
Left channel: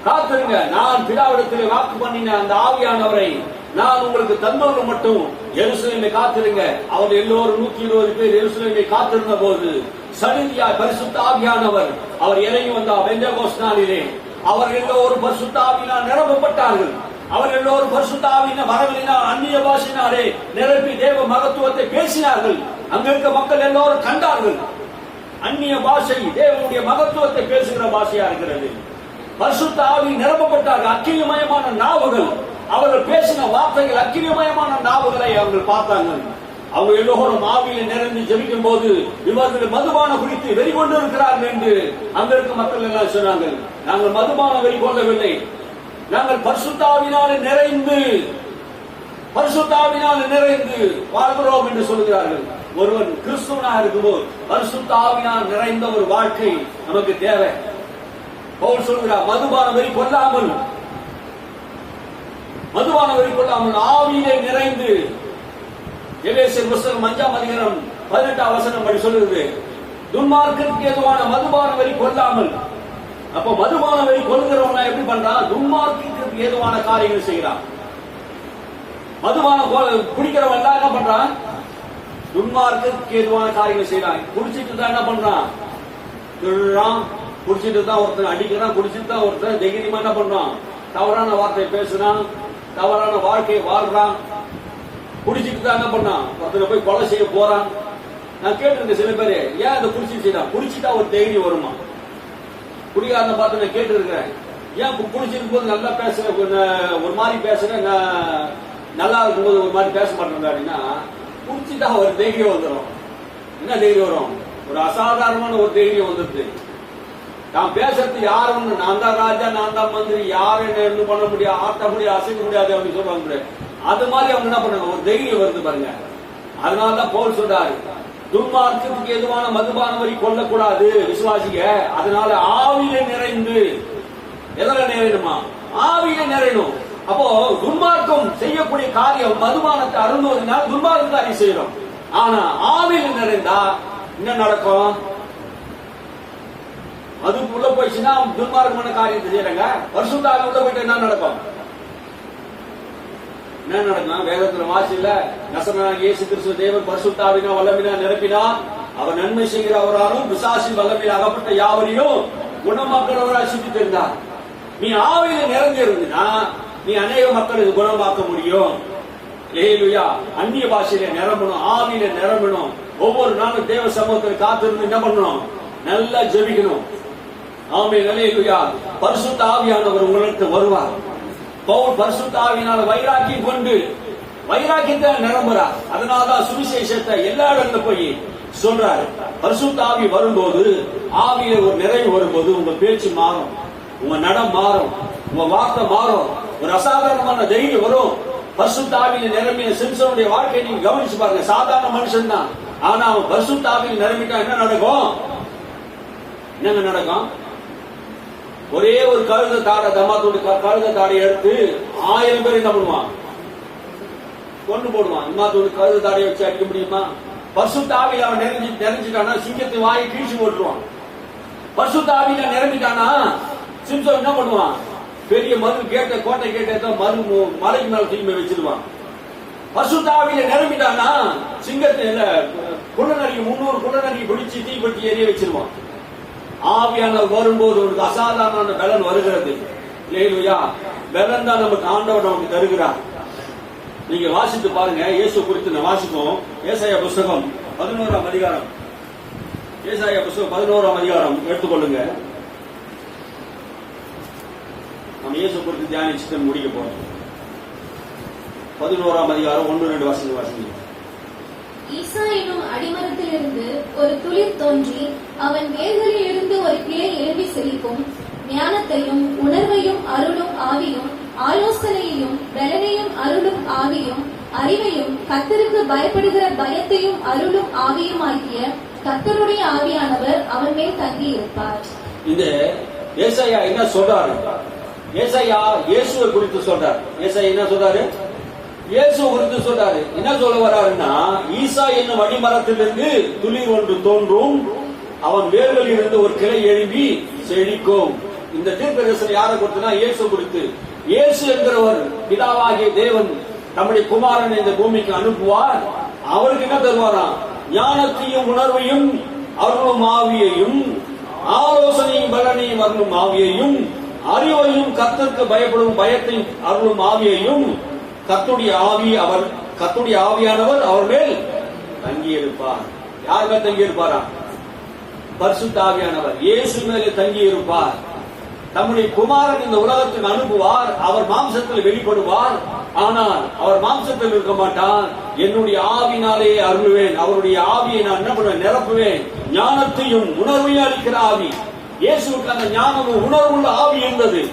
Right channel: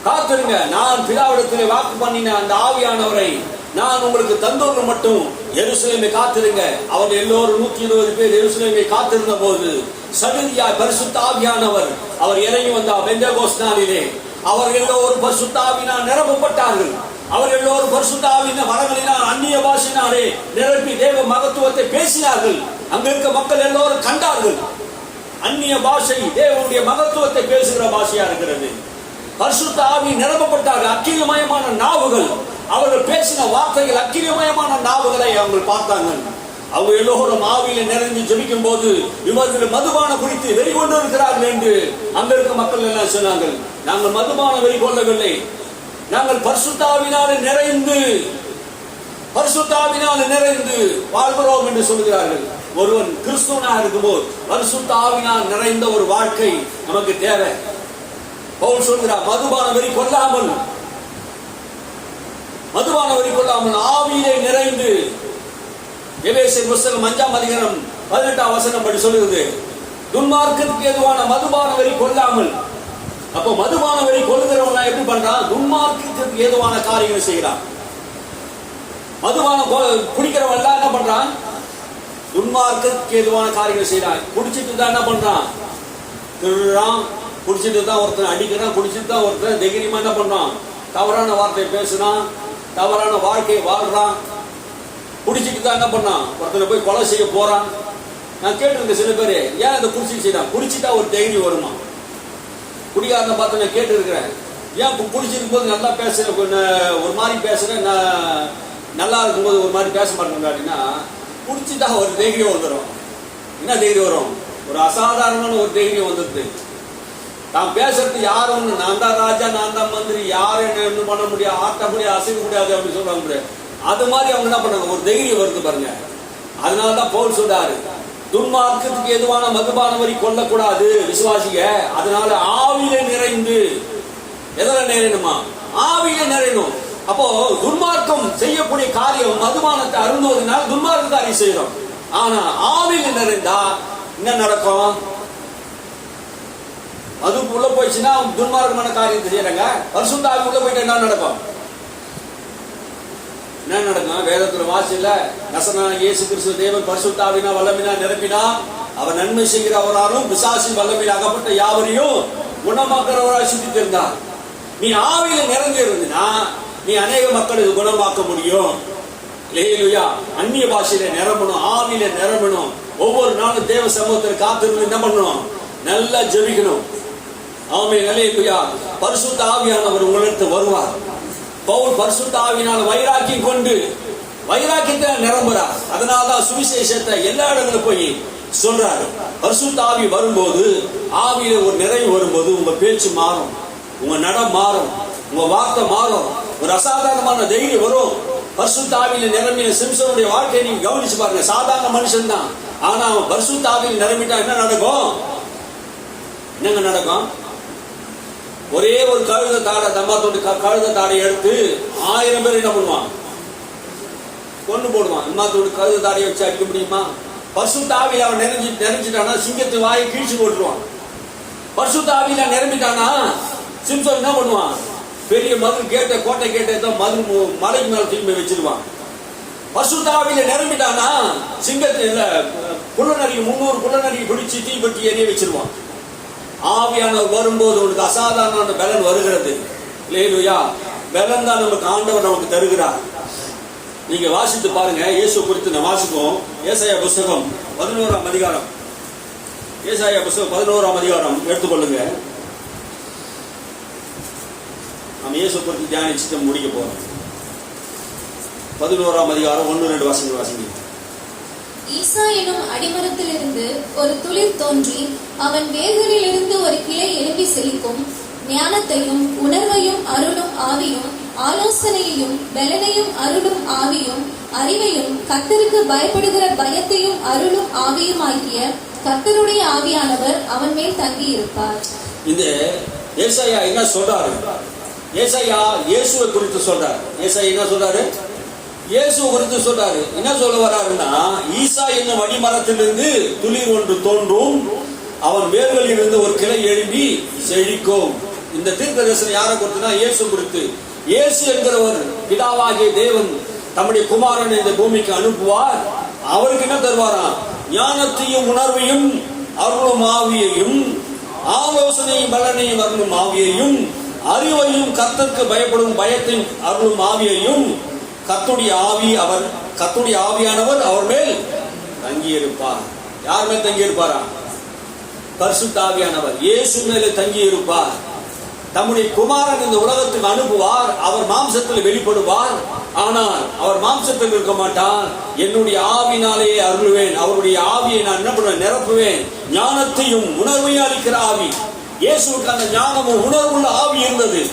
காத்துருங்க. நான் பிதாவிடத்திலே வாக்கு பண்ணின அந்த ஆவியானவரை நான் உங்களுக்கு தந்தோடு மட்டும் எருசலேமை காத்திருங்க. அவர் எல்லோரும் 120 பேர் எருசலேமை காத்திருந்த போது சடுதியாய் பரிசுத்த ஆவியானவர் அவர் இறங்கி வந்தார். பெந்தேகோஸ்து நாளிலே அவர் எல்லோரும் பரிசுத்த ஆவியினால் நிரப்பப்பட்டார்கள். அவர் எல்லோரும் பரிசுத்த ஆவியின் வரங்களினால் அந்நிய பாஷையினாலே நிரப்பி தேவ மகத்துவத்தை பேசினார்கள். அங்க இருக்க மக்கள் எல்லோரும் கண்டார்கள். அந்நிய பாஷை தேவனுடைய மகத்துவத்தை பேசுகிற பாஷையா இருக்கிறது. பரிசுத்த ஆவி நிரப்பப்பட்டார்கள். அக்கினிமயமான நாவுகள், அவர்கள் பேசின வார்த்தைகள் அக்கினிமயமான நாவுகளை அவங்க பார்த்தாங்க. அவங்க எல்லோரும் ஆவியில நிறைந்து ஜெபிக்கும் போது இவர்கள் மதுபான குறித்து வெறி கொண்டு இருக்கிறார்கள் என்று அங்க இருக்க மக்கள் எல்லாம் சொன்னார்கள். நாங்கள் மதுபான வெறி கொள்ளவில்லை, நாங்கள் பரிசுத்த ஆவியினாலே நிறைந்து வாழ்கிறோம் என்று சொல்கிறார்கள். ஒருவன் கிறிஸ்துவனாக இருக்கும்போது பரிசுத்த ஆவியினால் நிறைந்த ஒரு வாழ்க்கை நமக்கு தேவை. பவுல் சொல்கிறார், மதுபான வெறி கொள்ளாமல் ஆவியிலே நிறைந்து. எபேசியர் புஸ்தகம் 5ஆம் அதிகாரம் 18ஆம் வசனம் படி சொல்லுகிறது, துன்மார்க்கத்துக்கு எதுவான மதுபான வெறி கொள்ளாமல். அப்போ மதுபான வெறி கொள்ளுகிறவங்க எப்படி பண்றான்? துன்மார்க்கத்துக்கு ஏதுவான காரியங்களை செய்கிறான். மதுபானம் குடிக்கிறவன் என்ன பண்றான்? துன்மார்க்கத்துக்கு ஏதுவான காரியங்களை செய்யறான். குடிச்சிட்டு தான் என்ன பண்றான்? திருடுறான். குடிச்சிட்டு தான் ஒருத்தன் அடிக்கிறான். குடிச்சிட்டு தான் ஒருத்தன் தைரியமா என்ன பண்றான்? தவறான வார்த்தை பேசுறான், தவறான வாழ்க்கையை வாழ்றான். குடிச்சிட்டு தான் என்ன பண்ணான்? ஒருத்தனை போய் கொலை செய்ய போறான். நான் கேட்டிருக்கேன் சில பேரு, ஏன் இதை குடிச்சிட்டு செய்யறான்? குடிச்சிட்டா ஒரு தைரியம் வருமா? குடிக்காரனை பார்த்து நான் கேட்டு இருக்கிறேன், ஏன் குடிச்சிருக்கும் போது நல்லா பேசுறேன், ஒரு மாதிரி பேசுறேன், நல்லா இருக்கும்போது ஒரு மாதிரி பேச மாட்டேன் அப்படின்னா, குடிச்சிட்டா ஒரு தைரியம் வந்துடும். என்ன தைரியம் வரும்? ஒரு அசாதாரணமான ஒரு தைரியம் வந்துடுது. நான் பேசுறது யாரும் நான் தான் ராஜா, நான் தான் மந்திரி, யாரும் என்ன பண்ண முடியாது, ஆட்ட முடியாது, அசைக்க முடியாது அப்படின்னு சொல்றாங்க. அது மாதிரி அவங்க என்ன பண்ணாங்க? ஒரு தைரியம் வருது பாருங்க. அதனாலதான் பவுல் சொல்றாரு, துன்மார்க்கத்துக்கு எதுவான மதுபான வரி கொள்ளக்கூடாது விசுவாசிங்க. அதனால ஆவியில நிறைந்து. எதால நிறையணுமா? ஆவியில நிறையணும். அப்போ துன்மார்க்கம் செய்யக்கூடிய காரியம் மதுபானத்தை அருந்துவதனால் துன்மார்க்க காரியம் செய்யறோம். ஆனா ஆவியில நிறைந்தா என்ன நடக்கும்? அதுக்கு உள்ள போயிடுச்சுன்னா துன்மார்க்கமான காரியத்தை செய்யறாங்க. பரிசுத்த ஆவி உள்ள போயிட்டு என்ன நடக்கும்? என்ன நடக்கும்? வேதத்துல வாசில நசரனாகிய இயேசு கிறிஸ்து தேவன் பரிசுத்த ஆவியினால் வல்லமையினால் நிரப்பினார். அவர் நன்மை செய்கிறவராலும் பிசாசின் வல்லமையில் அகப்பட்ட யாவரையும் குணமாக்குறவராய் சுத்தித்திருந்தார். நீ ஆவியில நிறைஞ்சு இருந்தீனா நீ அநேக மக்களுக்கு குணமாக்க முடியும். அல்லேலூயா. அந்நிய பாஷையில நிரம்பணும், ஆவியில நிரம்பணும். ஒவ்வொரு நாளும் தேவ சமூகத்தில் காத்திருந்து என்ன பண்ணணும்? நல்லா ஜெபிக்கணும். ஆமென். அல்லேலூயா. பரிசுத்த ஆவியானவர் உங்களிடத்தில் வருவார். பவுல் பரிசுத்த ஆவியினால வைராக்கியம் கொண்டு வைராக்கியத்தை நிரம்புறார். அதனாலதான் சுவிசேஷத்தை எல்லா இடங்களும் போய் சொல்றாரு. பரிசுத்த ஆவி வரும்போது, ஆவியில ஒரு நிறைவு வரும்போது உங்க பேச்சு மாறும், உங்க நடம் மாறும், உங்க வார்த்தை மாறும், ஒரு அசாதாரணமான தைரியம் வரும். பரிசுத்த ஆவியில நிரம்பின சிம்சனுடைய வாழ்க்கையை நீங்க கவனிச்சு பாருங்க. சாதாரண மனுஷன் தான், ஆனா அவன் பரிசுத்த ஆவியில நிரம்பிட்டா என்ன நடக்கும்? என்னங்க நடக்கும்? ஒரே ஒரு கழுத தாடை, தம்மாத்தோடு கழுத தாடை எடுத்து 1000 பேர் என்ன பண்ணுவான்? கொண்டு போடுவான். இம்மாத்தோடு கழுத தாடையை வச்சு அடிக்க முடியுமா? பரிசுத்த ஆவியில அவன் நிறைஞ்சிட்டானா சிங்கத்து வாயை கீழ்ச்சி போட்டுருவான். பரிசுத்த ஆவியில நிரம்பிட்டானா சிம்சன் என்ன பண்ணுவான்? பெரிய மதில் கேட்ட கோட்டை கேட்ட மலைக்கு மேல தூக்கி வச்சிருவான். பரிசுத்த ஆவியில நிரம்பிட்டானா சிங்கத்துல குள்ளநரிக்கு 300 குள்ளநரிக்கு பிடிச்சி தீப்பற்றி எரிய வச்சிருவான். ஆவியானவர் வரும்போது உனக்கு அசாதாரண பலன் வருகிறது. அல்லேலூயா. பலன் தான் நமக்கு ஆண்டவர் நமக்கு தருகிறார். நீங்க வாசித்து பாருங்க. இயேசு குறித்து நான் வாசிப்போம். ஏசாயா புஸ்தகம் 11ஆம் அதிகாரம். ஏசாயா புஸ்தகம் 11ஆம் அதிகாரம் எடுத்துக்கொள்ளுங்க. நம்ம இயேசு குறித்து தியானிச்சுட்டு முடிக்க போறோம். 11ஆம் அதிகாரம் 1-2 வசனங்கள் வாசிங்க. ஈசா எனும் அடிமரத்திலிருந்து ஒரு துளிர் தோன்றி அவன் வேர்களில் இருந்து ஒரு கிளை எழும்பி செழிக்கும். ஞானத்தையும் உணர்வையும் அருளும் ஆவியும், ஆலோசனையையும் பலனையும் அருளும் ஆவியும், அறிவையும் கர்த்தருக்கு பயப்படுகிற பயத்தையும் அருளும் ஆவியும் ஆகிய கர்த்தருடைய ஆவியானவர் அவன் மேல் தங்கி இருப்பார். இந்த ஏசாயா என்ன சொல்றாரு? ஏசாயா இயேசுவை குறித்து சொல்றாரு. ஏசாயா என்ன சொல்றாரு? இயேசு குறித்து சொல்றாரு. என்ன சொல்ல வர்றாருன்னா, ஈசா என்னும் அடிமரத்திலிருந்து துளிர் ஒன்று தோன்றும், அவன் வேர்களில் இருந்து ஒரு கிளை எழும்பி செழிக்கும். இந்த தீர்க்கதரிசனம் யாரை குறித்துனா இயேசு குறித்து. இயேசு என்கிறவர் பிதாவாகிய தேவன் தம்முடைய குமாரன் இந்த பூமிக்கு அனுப்புவார். அவருக்கு என்ன தருவாராம்? ஞானத்தையும் உணர்வையும் அருளும் ஆவியையும், ஆலோசனையும் பலனையும் அருளும் ஆவியையும், அறிவையும் கர்த்தருக்கு பயப்படும் பயத்தையும் அருளும் ஆவியையும், கர்த்தருடைய ஆவியானவர் அவர் மேல் தங்கி இருப்பார். யார் மேல் தங்கி இருப்பாரா? பரிசுத்த ஆவியானவர் இயேசு மேலே தங்கி இருப்பார். தம்முடைய குமாரன் இந்த உலகத்துக்கு அனுப்புவார். அவர் மாம்சத்தில் வெளிப்படுவார். ஆனால் அவர் மாம்சத்தில் இருக்க மாட்டார். என்னுடைய ஆவினாலே அருள்வேன். அவருடைய ஆவியை நான் என்ன பண்ணுவேன்? நிரப்புவேன். ஞானத்தையும் உணர்வையும் அளிக்கிற ஆவி. இயேசுவுக்கு அந்த ஞானமும் உணர்வுள்ள ஆவி இருந்தது.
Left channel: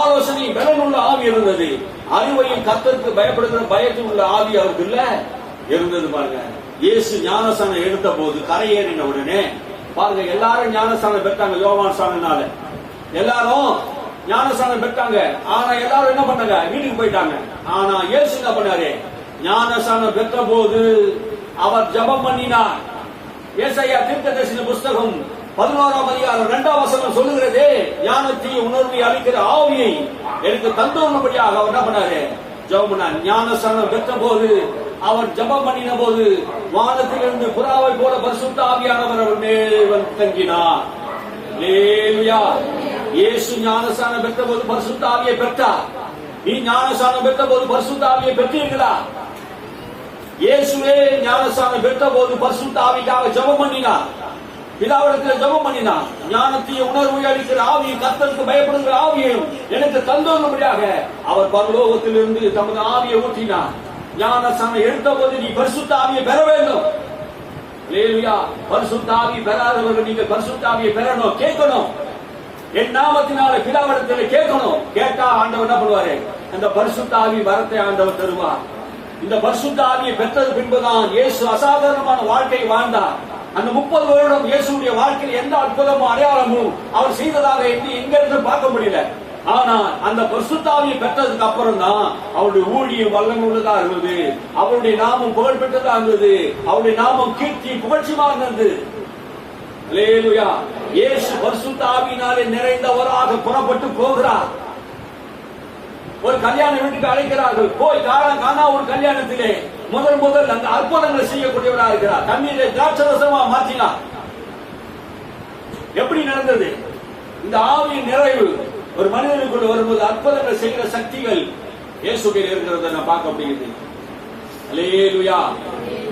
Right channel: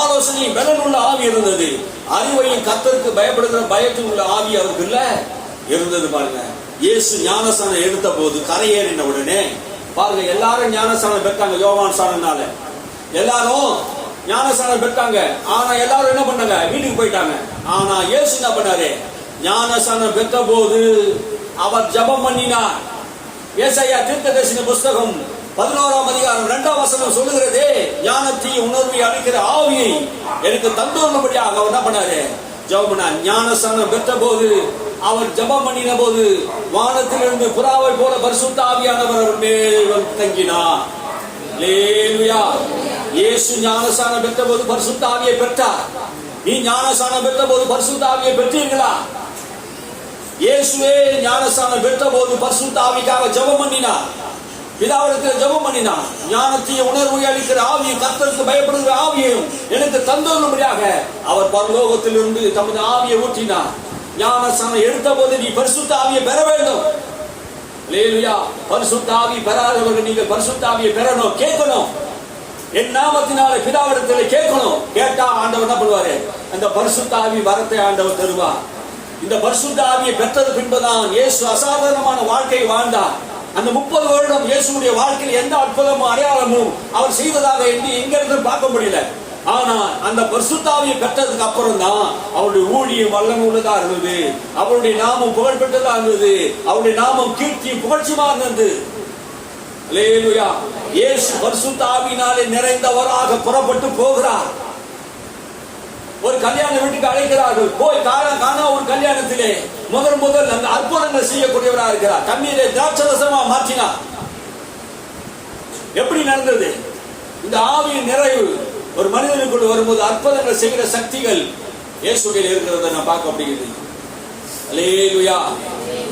ஆலோசனையும் பலனுள்ள ஆவி இருந்தது. அறிவையும் கர்த்தருக்கு பயப்படுகிற பயத்தும் உள்ள ஆவி அவருக்கு இல்ல இருந்தது. பாருங்க, இயேசு ஞானஸ்தானம் எடுத்த போது கரையேறின உடனே பாருங்க எல்லாரும் ஞானஸ்தானம் பெற்றாங்க. யோவான் ஸ்நானனால எல்லாரும் ஞானஸ்தானம் பெற்றாங்க. ஆனா எல்லாரும் என்ன பண்ணாங்க? வீட்டுக்கு போயிட்டாங்க. ஆனா இயேசு என்ன பண்ணாரு? ஞானஸ்தானம் பெற்ற போது அவர் ஜெபம் பண்ணினார். ஏசாயா தீர்க்கதரிசன புஸ்தகம் 11ஆம் அதிகாரம் 2ஆம் வசனம் சொல்லுகிறதே, ஞானத்தையும் உணர்வை அளிக்கிற ஆவியை எனக்கு தந்தோன்படியாக அவர் என்ன பண்ணாரு? ஜெபம் பண்ணார். ஞானஸ்தானம் பெற்ற போது அவர் ஜெபம் பண்ணின போது வானத்திலிருந்து புறாவை போல பரிசுத்த ஆவியானவர் அவர் மேல் தங்கினார். அல்லேலூயா. இயேசு ஞானஸ்தானம் பெற்ற போது பரிசுத்த ஆவியை பெற்றார். நீ ஞானஸ்தானம் பெற்ற போது பரிசுத்த ஆவியை பெற்றீர்களா? இயேசுவே ஞானஸ்தானம் பெற்ற போது பரிசுத்த ஆவிக்காக ஜெபம் பண்ணினார். பிதாவிடத்தில் ஜெபம் பண்ணினார். ஞானத்தையும் உணர்வை அளிக்கிற ஆவியும் கர்த்தருக்கு பயப்படுகிற ஆவியையும் எனக்கு தந்தோன்படியாக அவர் பரலோகத்திலிருந்து தமது ஆவியை ஊற்றினார். ஞானஸ்தானம் எடுத்த போது நீ பரிசுத்த ஆவியை பெற வேண்டும். அல்லேலூயா. பரிசுத்த ஆவி பெறாதவர்கள் நீங்கள் பரிசுத்த ஆவியை பெறணும், கேட்கணும். என் நாமத்தினால பிதாவிடத்தில் கேட்கணும். கேட்டா ஆண்டவர் என்ன பண்ணுவாரு? அந்த பரிசுத்த ஆவி வரத்தை ஆண்டவர் தருவார். இந்த பரிசுத்த ஆவியை பெற்றது பின்புதான் இயேசு அசாதாரணமான வாழ்க்கை வாழ்ந்தார். அந்த 30 வருடம் இயேசுடைய வாழ்க்கையில் எந்த அற்புதமும் அடையாளமும் அவர் செய்ததாக எங்க இருந்து பார்க்க முடியல. ஆனால் அந்த பரிசுத்த ஆவியை பெற்றதுக்கு அப்புறம் தான் அவருடைய ஊழியம் வல்லமை உள்ளதா இருந்தது. அவருடைய நாமம் புகழ் பெற்றதா இருந்தது. அவருடைய நாமம் கீர்த்தி புகழ்ச்சிமா இருந்தது. அல்லேலூயா. இயேசு பரிசுத்த ஆவியினாலே நிறைந்தவராக புறப்பட்டு போகிறார். ஒரு கல்யாண வீட்டுக்கு அழைக்கிறார்கள். போய் காணா ஒரு கல்யாணத்திலே முதல் அந்த அற்புதங்கள் செய்யக்கூடியவராக இருக்கிறார். தண்ணீரை திராட்சரசமா மாற்றினார். எப்படி நடந்தது? இந்த ஆவியின் நிறைவு ஒரு மனிதனுக்குள் வரும்போது அற்புதங்கள் செய்கிற சக்திகள் இயேசுவில் இருக்கிறத நான் பார்க்க முடியுது. அல்லேலூயா.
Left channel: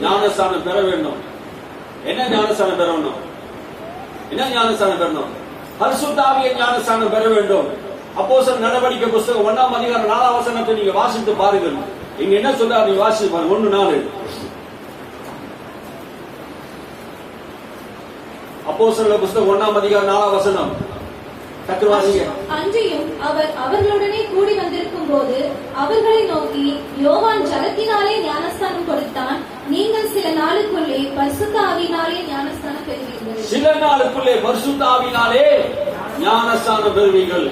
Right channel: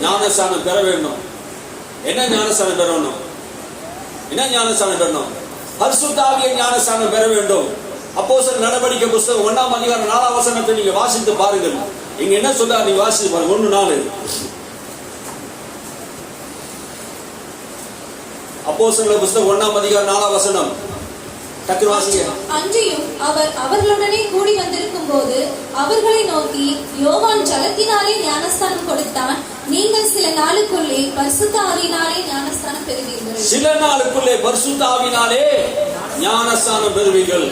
ஞானஸ்நானம் பெற வேண்டும். என்ன ஞானஸ்நானம் பெறணும்? என்ன ஞானஸ்நானம் பெறணும்? பரிசுத்த ஆவியை ஞானஸ்நானம் பெற வேண்டும். அப்போஸ்தலர் நடவடிக்கை புத்தகம் 1ஆம் அதிகாரம் 4ஆம் வசனத்தை நீங்க வாசித்து பாருங்கள். இங்க என்ன சொல்றாரு? நீங்க வாசித்து பாருங்க. 1:4. அப்போஸ்தலர் புத்தகம் 1ஆம் அதிகாரம் 4ஆம் வசனம். டக்கு வாசிங்க. அன்றியும் அவர் அவர்களுடனே கூடி வந்திருக்கும் போது அவர்களை நோக்கி, யோவான் ஜலத்தினாலே ஞானஸ்தானம் கொடுத்தான், நீங்கள் சில நாளுக்குள்ளே பரிசுத்த ஆவியினாலே ஞானஸ்தானம் பெறுவீர்கள். சில நாளுக்குள்ளே பரிசுத்த ஆவியினாலே ஞானஸ்தானம் பெறுவீர்கள்.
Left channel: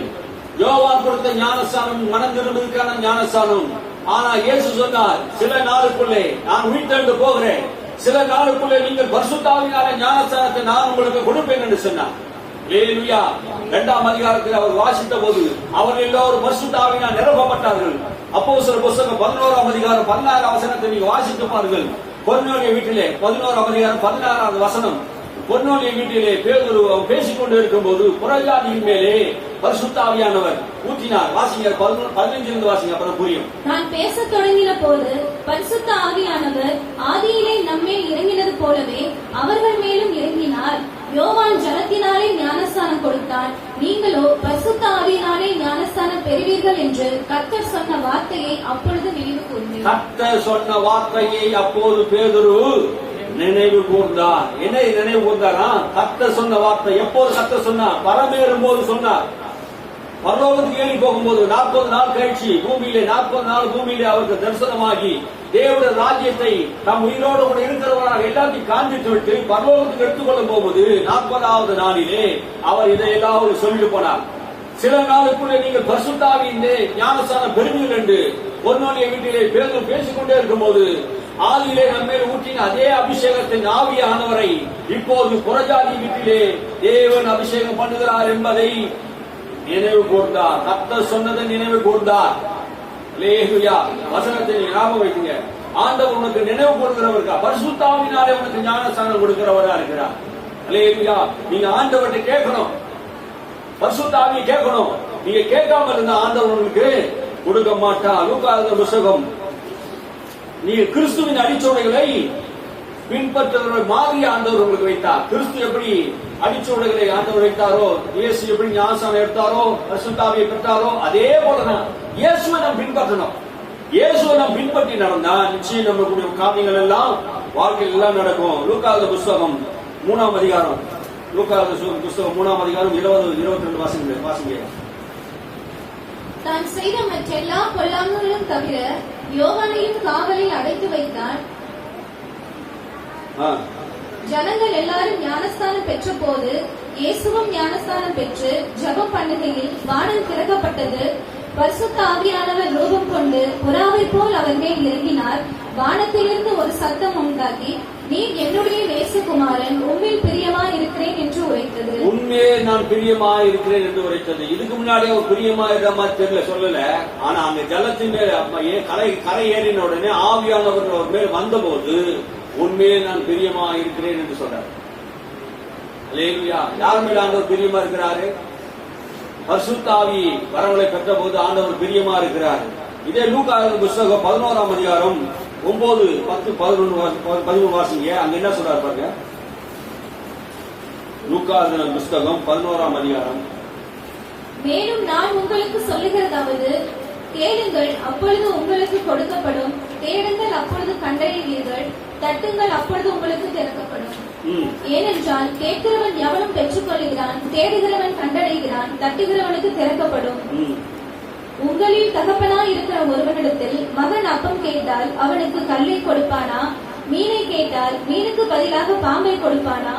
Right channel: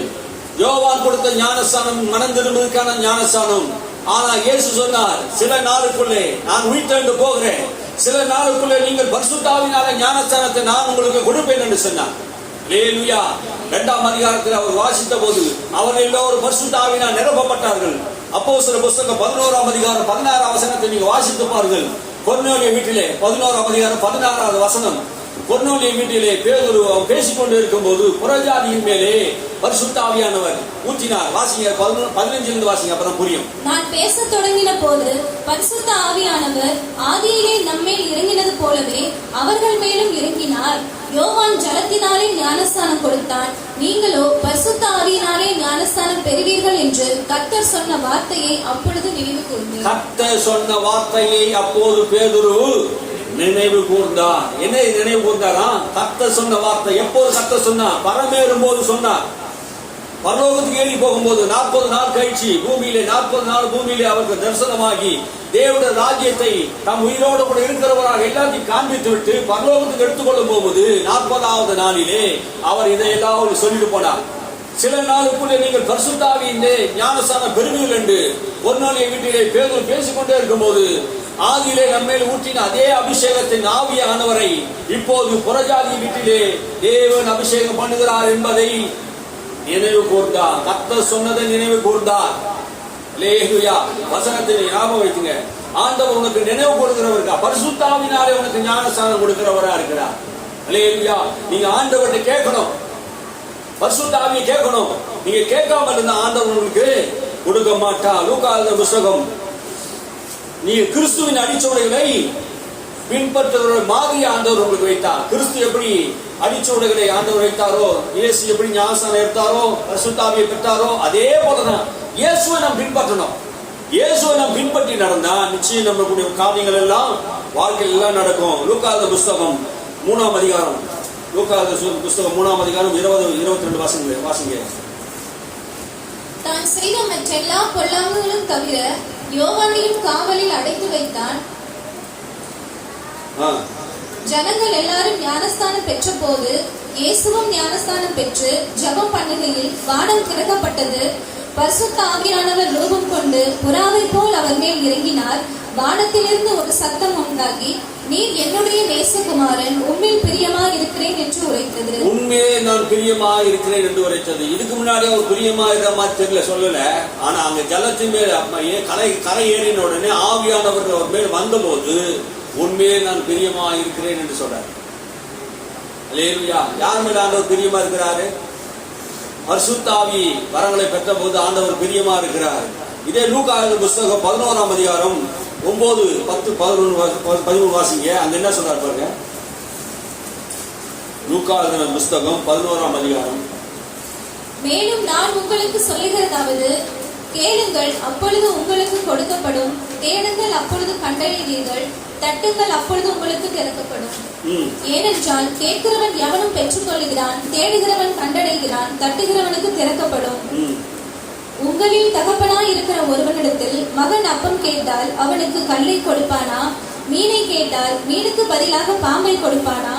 யோவான் கொடுத்த ஞானஸ்தானம் மனம் திரும்புவதற்கான ஞானஸ்தானம். ஆனா இயேசு சொன்னார், சில நாளுக்குள்ளே நான் உயிர்த்தெழுந்து போகிறேன், சில நாளுக்குள்ளே நீங்கள் பரிசுத்த ஆவியினாலே ஞானஸ்தானத்தை நான் உங்களுக்கு கொடுப்பேன் என்று சொன்னார். அல்லேலூயா. 2ஆம் அதிகாரத்தில் அவர் வாசித்த போது அவர் எல்லோரும் பரிசுத்த ஆவியினால் நிரப்பப்பட்டார்கள். அப்போஸ்தலர் புத்தகம் 11ஆம் அதிகாரம் 16ஆம் வசனத்தை நீங்க வாசித்து பாருங்கள். கொர்நேலிய வீட்டிலே 11ஆம் அதிகாரம் 16ஆவது வசனம். கொர்நேலிய வீட்டிலே பேதுரு பேசிக் கொண்டு இருக்கும் போது புறஜாதியின் மேலே பரிசுத்த ஆவியானவர் ஊற்றினார். வாசிங்க 15 வாசிங்க, அப்புறம் புரியும். நான் பேசத் தொடங்கின போது பரிசுத்த ஆவியானவர் ஆதியிலே நம்மேல் இறங்கினது போலவே அவர்கள் மேலும் இறங்கினார். யோவான் ஜலத்தினாலே ஞானஸ்தானம் கொடுத்தான், நீங்களோ பரிசுத்த ஆவியினாலே ஞானஸ்தானம் பெறுவீர்கள் என்று கர்த்தர் சொன்ன வார்த்தையை அப்பொழுது நினைவு கூர்ந்தார். கர்த்தர் சொன்ன வார்த்தையை அப்போது பேதுரு நினைவு கூர்ந்தார். என்ன நினைவு கூர்ந்தாரா? கர்த்தர் சொன்ன வார்த்தை. எப்போது கர்த்தர் சொன்னார்? பரமேறும் போது சொன்னார். பரலோகத்துக்கு ஏறி போகும்போது 40 நாள் கழிச்சு பூமியிலே 40 நாள் பூமியிலே அவருக்கு தரிசனமாகி தேவனுடைய ராஜ்யத்தை தம் உயிரோடு கூட இருக்கிறவராக எல்லாத்தையும் காண்பித்து விட்டு பரலோகத்துக்கு எடுத்துக்கொள்ளும் போகும்போது 40வது நாளிலே அவர் இதையெல்லாம் சொல்லிட்டு போனார். சில நாளுக்குள்ளே நீங்கள் பரிசுத்த ஆவியிலே ஞானஸ்நானம் பெறுவீர்கள் என்று கொர்நேலிய வீட்டிலே பேதுரு பேசிக்கொண்டே இருக்கும்போது ஆதியிலே நம்மேல் ஊற்றின அதே அபிஷேகத்தின் ஆவியானவரை இப்போது புறஜாதி வீட்டிலே தேவன் அபிஷேகம் பண்ணுகிறார் என்பதை நினைவு கூர்ந்தார். கர்த்தர் சொன்னதை நினைவு கூர்ந்தார். அல்லேலூயா. வசனத்தை ஞாபகம் வைத்துங்க. ஆண்டவர் உனக்கு நினைவு கொடுக்கிறவருக்கா? பரிசுத்த ஆவியினாலே உனக்கு ஞானஸ்நானம் கொடுக்கிறவரா இருக்கிறார். அல்லேலூயா. நீங்க ஆண்டவர்கிட்ட கேட்கணும், பரிசுத்த ஆவியை கேட்கணும். நீங்க கேட்காம இருந்த ஆண்டவர் உங்களுக்கு கொடுக்க மாட்டார். லூக்கா எழுதின புத்தகம். நீங்க கிறிஸ்துவின் அடிச்சுவடுகளை பின்பற்றுகிற மாதிரி ஆண்டவர் உங்களுக்கு வைத்தார். கிறிஸ்து எப்படி அடிச்சுவடுகளை ஆண்டவர் வைத்தாரோ, இயேசு எப்படி ஞானஸ்நானம் எடுத்தாரோ, பரிசுத்த ஆவியை பெற்றாரோ, அதே போலதான் இயேசுவை நாம் பின்பற்றணும். இயேசுவை நாம் பின்பற்றி நடந்தா நிச்சயம் நம்மளுடைய காரியங்கள் எல்லாம் வாழ்க்கையில் எல்லாம் நடக்கும். லூக்கா எழுதின புத்தகம் 3ஆம் அதிகாரம். லூக்கா எழுதின புத்தகம் 3ஆம் அதிகாரம் 20-22 வாசிங்க. தான் செய்த மற்றெல்லா பொல்லாங்குகளும் தவிர யோவானையும் காவலில் அடைத்து வைத்தான். ஜனங்கள் எல்லாரும் ஞானஸ்தானம் பெற்ற போது இயேசுவும் ஞானஸ்தானம் பெற்று ஜெபம் பண்ணுகையில் வானம் திறக்கப்பட்டது. பரிசுத்த ஆவியானவர் ரூபம் கொண்டு புறாவை போல் அவர் மேல் இறங்கினார். வானத்திலிருந்து ஒரு சத்தம் உண்டாகி, நீர் என்னுடைய நேசகுமாரன், உம்மில் பிரியமா இருக்கிறேன் என்று உரைத்தது. உண்மையே நான் பிரியமா இருக்கிறேன் என்று உரைத்தது. இதுக்கு முன்னாடி அவர் பிரியமா இருக்கிற மாதிரி தெரியல, சொல்லல. ஆனா அங்க ஜலத்தின் மேல் கரை ஏறின உடனே ஆவியானவர் அவர் மேல் வந்த போது உண்மையே நான் பிரியமா இருக்கிறேன் என்று சொல்றார். அல்லேலூயா. யார் மேல ஆண்டவர் பிரியமா இருக்கிறாரு? பரிசுத்த ஆவி வரங்களை பெற்ற போது ஆண்டவர் பிரியமா இருக்கிறார். இதே லூக்கா எழுதின புத்தகம் 11ஆம் அதிகாரம் 9, 10, 11 வாசிங்க. அங்க என்ன சொல்றாரு பாருங்க. லூக்கா எழுதின புத்தகம் 11ஆம் அதிகாரம். மேலும் நான் உங்களுக்கு சொல்லுகிறதாவது, கேளுங்கள் அப்பொழுது உங்களுக்கு கொடுக்கப்படும், தேடுங்கள் அப்பொழுது கண்டடைவீர்கள், தட்டுங்கள் அப்பொழுது உங்களுக்கு திறக்கப்படும். ஏனென்றால் கேட்கிறவன் எவனும் பெற்றுக் கொள்கிறான், தேடுகிறவன் கண்டடைகிறான், தட்டுகிறவனுக்கு திறக்கப்படும். உங்களில் தகப்பனாய் இருக்கிற ஒருவனிடத்தில் மகன் அப்பம் கேட்டால் அவனுக்கு கல்லை கொடுப்பானா? மீனை கேட்டால் மீனுக்கு பதிலாக பாம்பை கொடுப்பானா?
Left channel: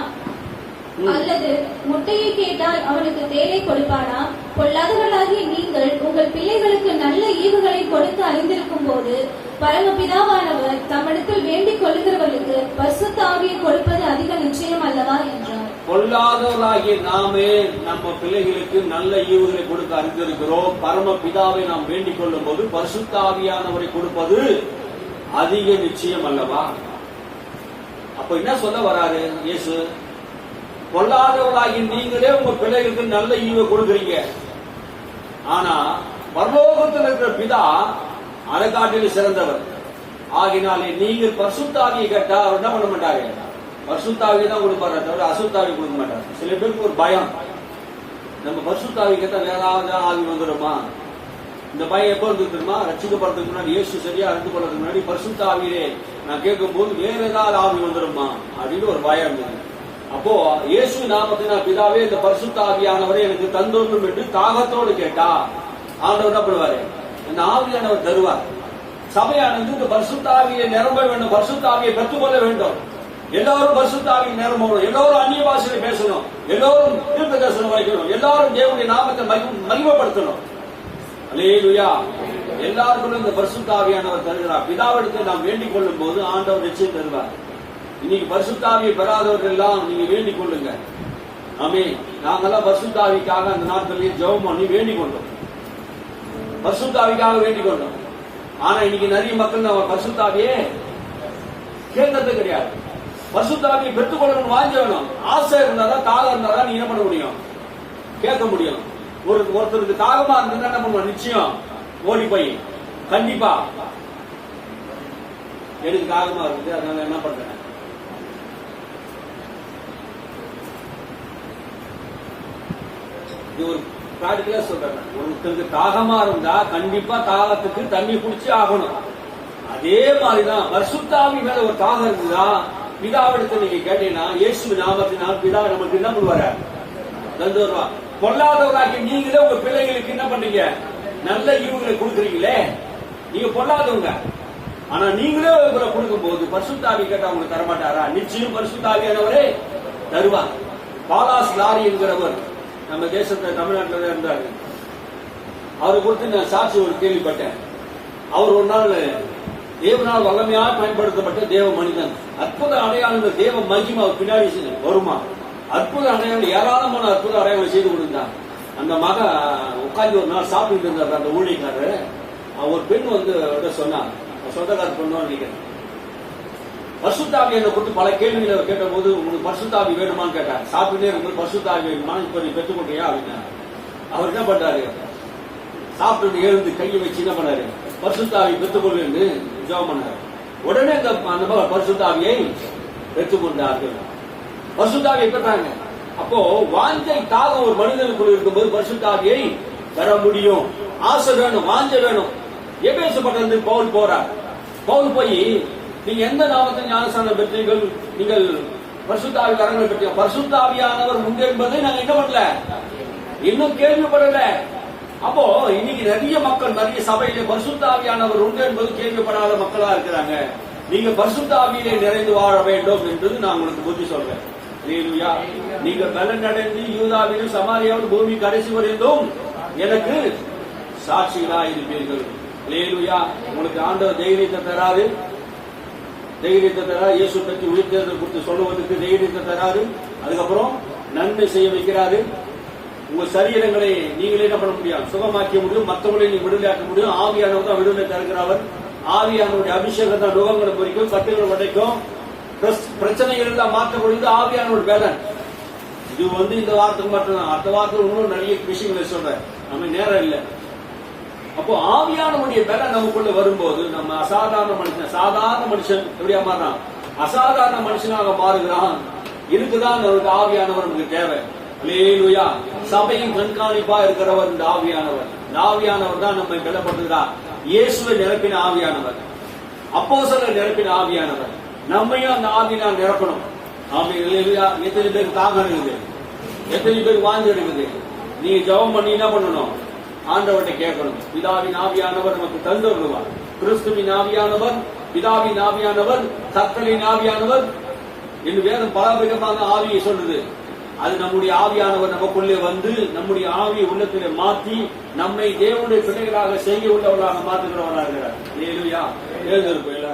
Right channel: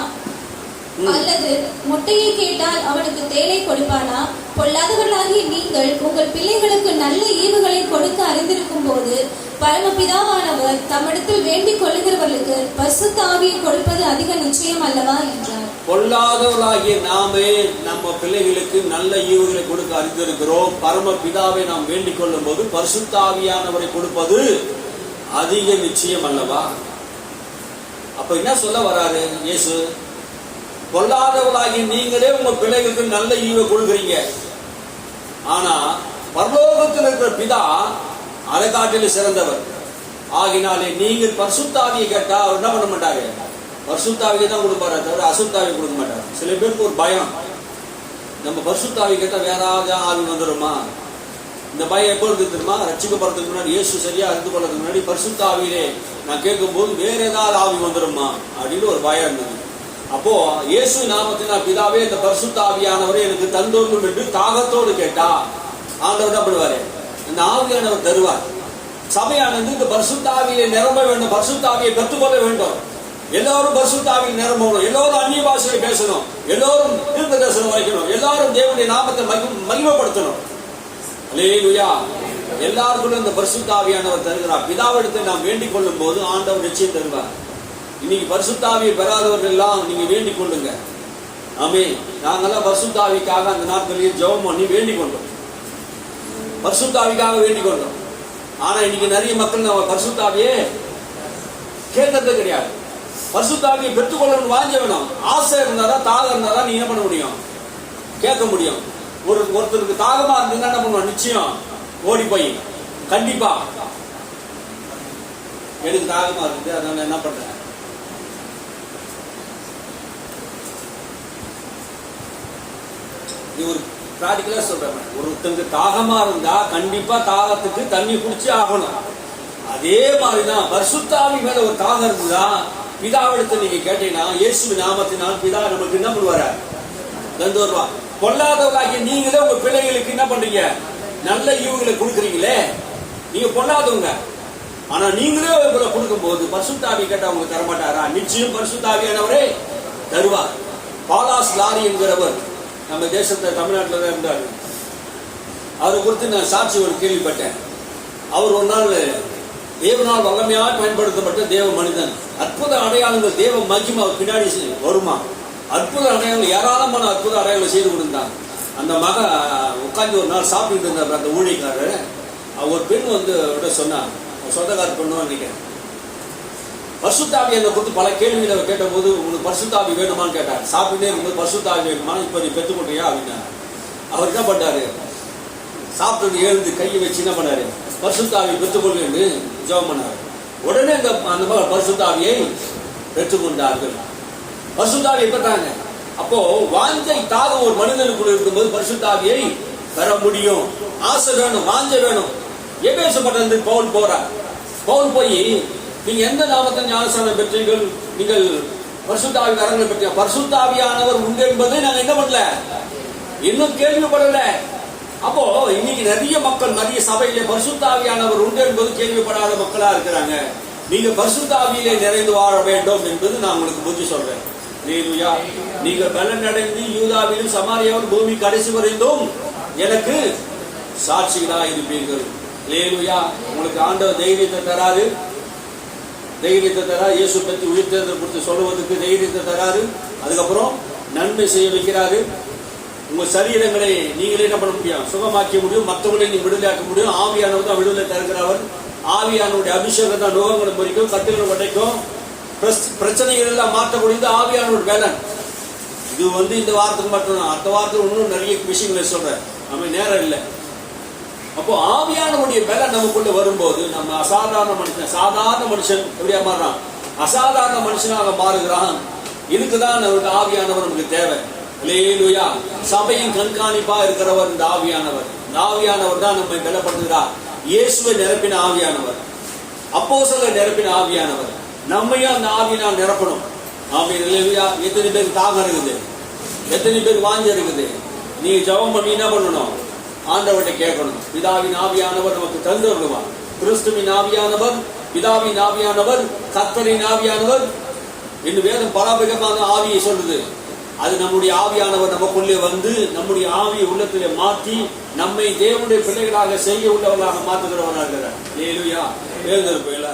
அல்லது முட்டையை கேட்டால் அவனுக்கு தேளை கொடுப்பானா? பொல்லாதவர்களாகிய நீங்கள் உங்கள் பிள்ளைகளுக்கு நல்ல ஈவுகளை கொடுக்க அறிந்திருக்கும் போது பரமபிதாவானவர் தம்மிடத்தில் வேண்டிக் கொள்ளுகிறவர்களுக்கு பரிசுத்த ஆவியை கொடுப்பது அதிக நிச்சயம் அல்லவா என்றார். பொல்லாதவர்களாகிய நாமே நம்ம பிள்ளைகளுக்கு நல்ல ஈவுகளை கொடுக்க அறிந்திருக்கிறோம். பரம பிதாவை நாம் வேண்டிக் கொள்ளும் போது பரிசுத்த ஆவியானவரை கொடுப்பது அதிக நிச்சயம் அல்லவா? அப்ப என்ன சொல்ல வராரு இயேசு? பொல்லாதவர்களாகி நீங்களே உங்க பிள்ளைகளுக்கு நல்ல ஈவை கொடுக்குறீங்க. ஆனா பரலோகத்தில் இருக்கிற பிதா அதை காட்டிலும் சிறந்தவர். ஆகினாலே நீங்கள் பரிசுத்த ஆவியை கேட்டா அவர் என்ன பண்ண மாட்டாரு? பரிசுத்த ஆவியை தான் கொடுப்பாரு, தவிர அசுத்த ஆவியை கொடுக்க மாட்டார். சில பேருக்கு ஒரு பயம், நம்ம பரிசுத்த ஆவி கேட்டா வேற ஆவி வந்துடுமா? இந்த பயம் எப்போ இருந்து தெரியுமா? ரட்சிக்கப்படுறதுக்கு முன்னாடி, இயேசு சரியா அறிந்து கொள்றதுக்கு முன்னாடி பரிசுத்த ஆவியிலே நான் கேட்கும் போது வேற ஏதாவது ஆவி வந்துடுமா அப்படின்னு ஒரு பயம் இருந்தது. அப்போ இயேசு நாமத்தினால் பிதாவே இந்த பரிசுத்த ஆவியானவரை எனக்கு தந்தோன்றும் என்று தாகத்தோடு கேட்டா ஆண்டவர் என்ன பண்ணுவாரு? இந்த ஆவியானவர் தருவார். சபையானது இந்த பரிசுத்த ஆவியை நிரம்ப வேண்டும், பரிசுத்த ஆவியை பெற்றுக்கொள்ள வேண்டும். எல்லாரும் பரிசுத்த ஆவியை நிரம்பணும், எல்லாரும் அந்நிய பாஷையை பேசணும், எல்லாரும் தீர்க்க தரிசனம் வைக்கணும், எல்லாரும் தேவனுடைய நாமத்தை மகிமைப்படுத்தணும். அல்லேலூயா. எல்லாருக்கும் இந்த பரிசுத்த ஆவியானவர் தருகிறார். பிதாவிடத்தில் நாம் வேண்டிக் கொள்ளும் போது ஆண்டவர் நிச்சயம் தருவார். இன்னைக்கு பரிசுத்த ஆவியை பெறாதவர்கள் எல்லாம் நீங்க வேண்டிக் கொள்ளுங்க. ஆமென். நாங்கெல்லாம் பரிசுத்த ஆவிக்காக அந்த நாட்களில் ஜெபம் பண்ணி வேண்டிக் கொண்டோம், பரிசுத்த ஆவிக்காக வேண்டிக் கொண்டோம். ஆனா இன்னைக்கு நிறைய மக்கள் நம்ம பரிசுத்த ஆவியே கேட்கறது கிடையாது. பரிசுத்த ஆவியை பெற்றுக்கொள்ளணும், வாஞ்ச வேணும். ஆசை இருந்தாதான், தாகம் இருந்தாதான் நீ என்ன பண்ண முடியும்? கேட்க முடியும். ஒருத்தருக்கு தாகமா இருந்தா என்ன பண்ணுவான்? நிச்சயம் ஓடி போய் கண்டிப்பா எனக்கு தாகமா இருக்குது, அதனால என்ன பண்றேன்? இது ஒரு பிராக்டிகலா சொல்றேன். ஒருத்தருக்கு தாகமா இருந்தா கண்டிப்பா தாகத்துக்கு தண்ணி குடிச்சு ஆகணும். அதே மாதிரிதான் பரிசுத்த ஆவி மேல ஒரு தாகம் இருக்குதா, பிதாவிடத்தை நீங்க கேட்டீங்கன்னா இயேசு நாமத்தினால் பிதா நமக்கு என்ன பண்ணுவாரு? தந்து வருவா. பொல்லாதவர்களாகிய நீங்களே உங்க பிள்ளைகளுக்கு என்ன பண்றீங்க? நல்ல ஈவுகளை கொடுக்குறீங்களே. நீங்க பொல்லாதவங்க, ஆனா நீங்களே உங்களை கொடுக்கும் போது பரிசுத்த ஆவி கேட்டா உங்களுக்கு தரமாட்டாரா? நிச்சயம் பரிசுத்த ஆவியானவரே தருவார். பாலாஸ் லாரி என்கிறவர் நம்ம தேசத்தை தமிழ்நாட்டில் தான் இருந்தார். அவரை குறித்து நான் சாட்சி ஒரு கேள்விப்பட்டேன். அவர் ஒரு நாள் தேவனால் வல்லமையாக பயன்படுத்தப்பட்ட தேவ மனிதன். அற்புத அடையாளங்கள், தேவ மகிமை அவர் பின்னாடி வருமா? அற்புத அடையாளங்கள், ஏராளமான அற்புத அடையாளங்களை செய்து கொடுத்தார். அந்த மக உட்காந்து ஒரு நாள் சாப்பிட்டு இருந்தார். அந்த ஊழியக்காரர் ஒரு பெண் வந்து சொன்னார், சொந்தக்கார பெண்ணு நினைக்கிறேன். பரிசுத்தாவி என்னை கொடுத்து பல கேள்விகளை கேட்ட போது உங்களுக்கு பரிசுத்தாவி வேணுமான்னு கேட்டார். சாப்பிட்டே இருக்கும்போது பரிசுத்தாவி வேணுமா, இப்ப நீ பெற்றுக்கொண்டியா அப்படின்னா. அவர் என்ன பண்ணாரு? சாப்பிட்டு எழுந்து கையை வச்சு என்ன பண்ணாரு? பரிசுத்தாவி பெற்றுக்கொள்ளு ஜெபம் பண்ணாரு. உடனே அந்த பரிசுத்தாவியை பெற்றுக்கொண்டார்கள். பரிசுத்தாவியை பெற்றாங்க. அப்போ வாஞ்சை தாகம் ஒரு மனிதனுக்குள்ள இருக்கும்போது பரிசுத்தாவியை பெற முடியும். ஆசை வேணும், வாஞ்ச வேணும். எபேசப்பட்டது பவுல் போறார். பவுல் போய் நீங்க எந்த நாமத்தை ஞானஸ்நானம் பெற்றீர்கள்? நீங்கள் பரிசுத்த ஆவி வரங்களை பெற்ற பரிசுத்த ஆவியானவர் உண்டு என்பதை நாங்க என்ன பண்ணல, இன்னும் கேள்விப்படல. அப்போ இன்னைக்கு நிறைய மக்கள், நிறைய சபையிலே பரிசுத்த ஆவியானவர் உண்டு என்பது கேள்விப்படாத மக்களா இருக்கிறாங்க. நீங்க பரிசுத்த ஆவியிலே நிறைந்து வாழ வேண்டும் என்பது நான் உங்களுக்கு புத்தி சொல்றேன். அல்லேலூயா. நீங்கள் பலன் அடைந்து யூதாவிலும் சமாரியாவிலும் பூமி கடைசி வரைந்தும் எனக்கு சாட்சிகளா இருப்பீர்கள். அல்லேலூயா. உங்களுக்கு ஆண்டவர் தைரியத்தை தராரு, தைரியத்தை தரா. இயேசு பற்றி உயிர்த்தெழுதல் குறித்து சொல்லுவதற்கு தைரியத்தை தராரு. அதுக்கப்புறம் நன்மை செய்ய வைக்கிறாரு. உங்க சரீரங்களை நீங்களே என்ன பண்ண முடியும்? சுகமாக்க முடியும். மற்றவங்களை நீங்க விடுதலையாக்க முடியும். ஆவியானவர் தான் விடுதலை தருகிறவர். ஆவியானுடைய அபிஷேகம் தான் நுகங்களை பொறிக்கும், கட்டுகளை உடைக்கும், பிரச்சனைகள் எல்லாம் மாற்றக்கூடியது ஆவியானோட வேதன். இது வந்து இந்த வாரத்துக்கு மட்டும்தான். அடுத்த வாரத்துக்கு இன்னும் நிறைய விஷயங்களை சொல்றேன், நம்ம நேரம் இல்லை. அப்போ ஆவியானவருடைய பலன் நமக்குள்ள வரும்போது நம்ம அசாதாரண மனுஷன், சாதாரண மனுஷன் எப்படியா மாறுறான்? அசாதாரண மனுஷனாக மாறுகிறான். இதுக்குதான் நமக்கு ஆவியானவர் நமக்கு தேவை. அல்லேலூயா. சபையின் கண்காணிப்பா இருக்கிறவர் இந்த ஆவியானவர். இந்த ஆவியானவர் தான் நம்மை பலப்படுத்துகிறார். இயேசுவை நிரப்பின ஆவியானவர், அப்போஸ்தலரை நிரப்பின ஆவியானவர். நம்மையும் அந்த ஆவியினால் நிரப்பணும். ஆமென். அல்லேலூயா. எத்தனை பேர் தாகம் இருக்குது, எத்தனை பேர் வாஞ்ச இருக்குது. நீங்க ஜெபம் பண்ணி என்ன பண்ணணும்? ஆண்டவர்கிட்ட கேட்கணும். பிதாவின் ஆவியானவர் நமக்கு தந்துருவார். கிறிஸ்துவின் ஆவியானவர், பிதாவின் ஆவியானவர், கர்த்தரின் ஆவியானவர் என்று வேதம் பலவிதமாக ஆவியை சொல்லுது. அது நம்முடைய ஆவியானவர் நமக்குள்ளே வந்து நம்முடைய ஆவியை உள்ளத்திலே மாற்றி நம்மை தேவனுடைய பிள்ளைகளாக செய்ய உள்ளவர்களாக மாற்றுகிறவராக இருக்கிறார். அல்லேலூயா. எழுந்திருப்போம்.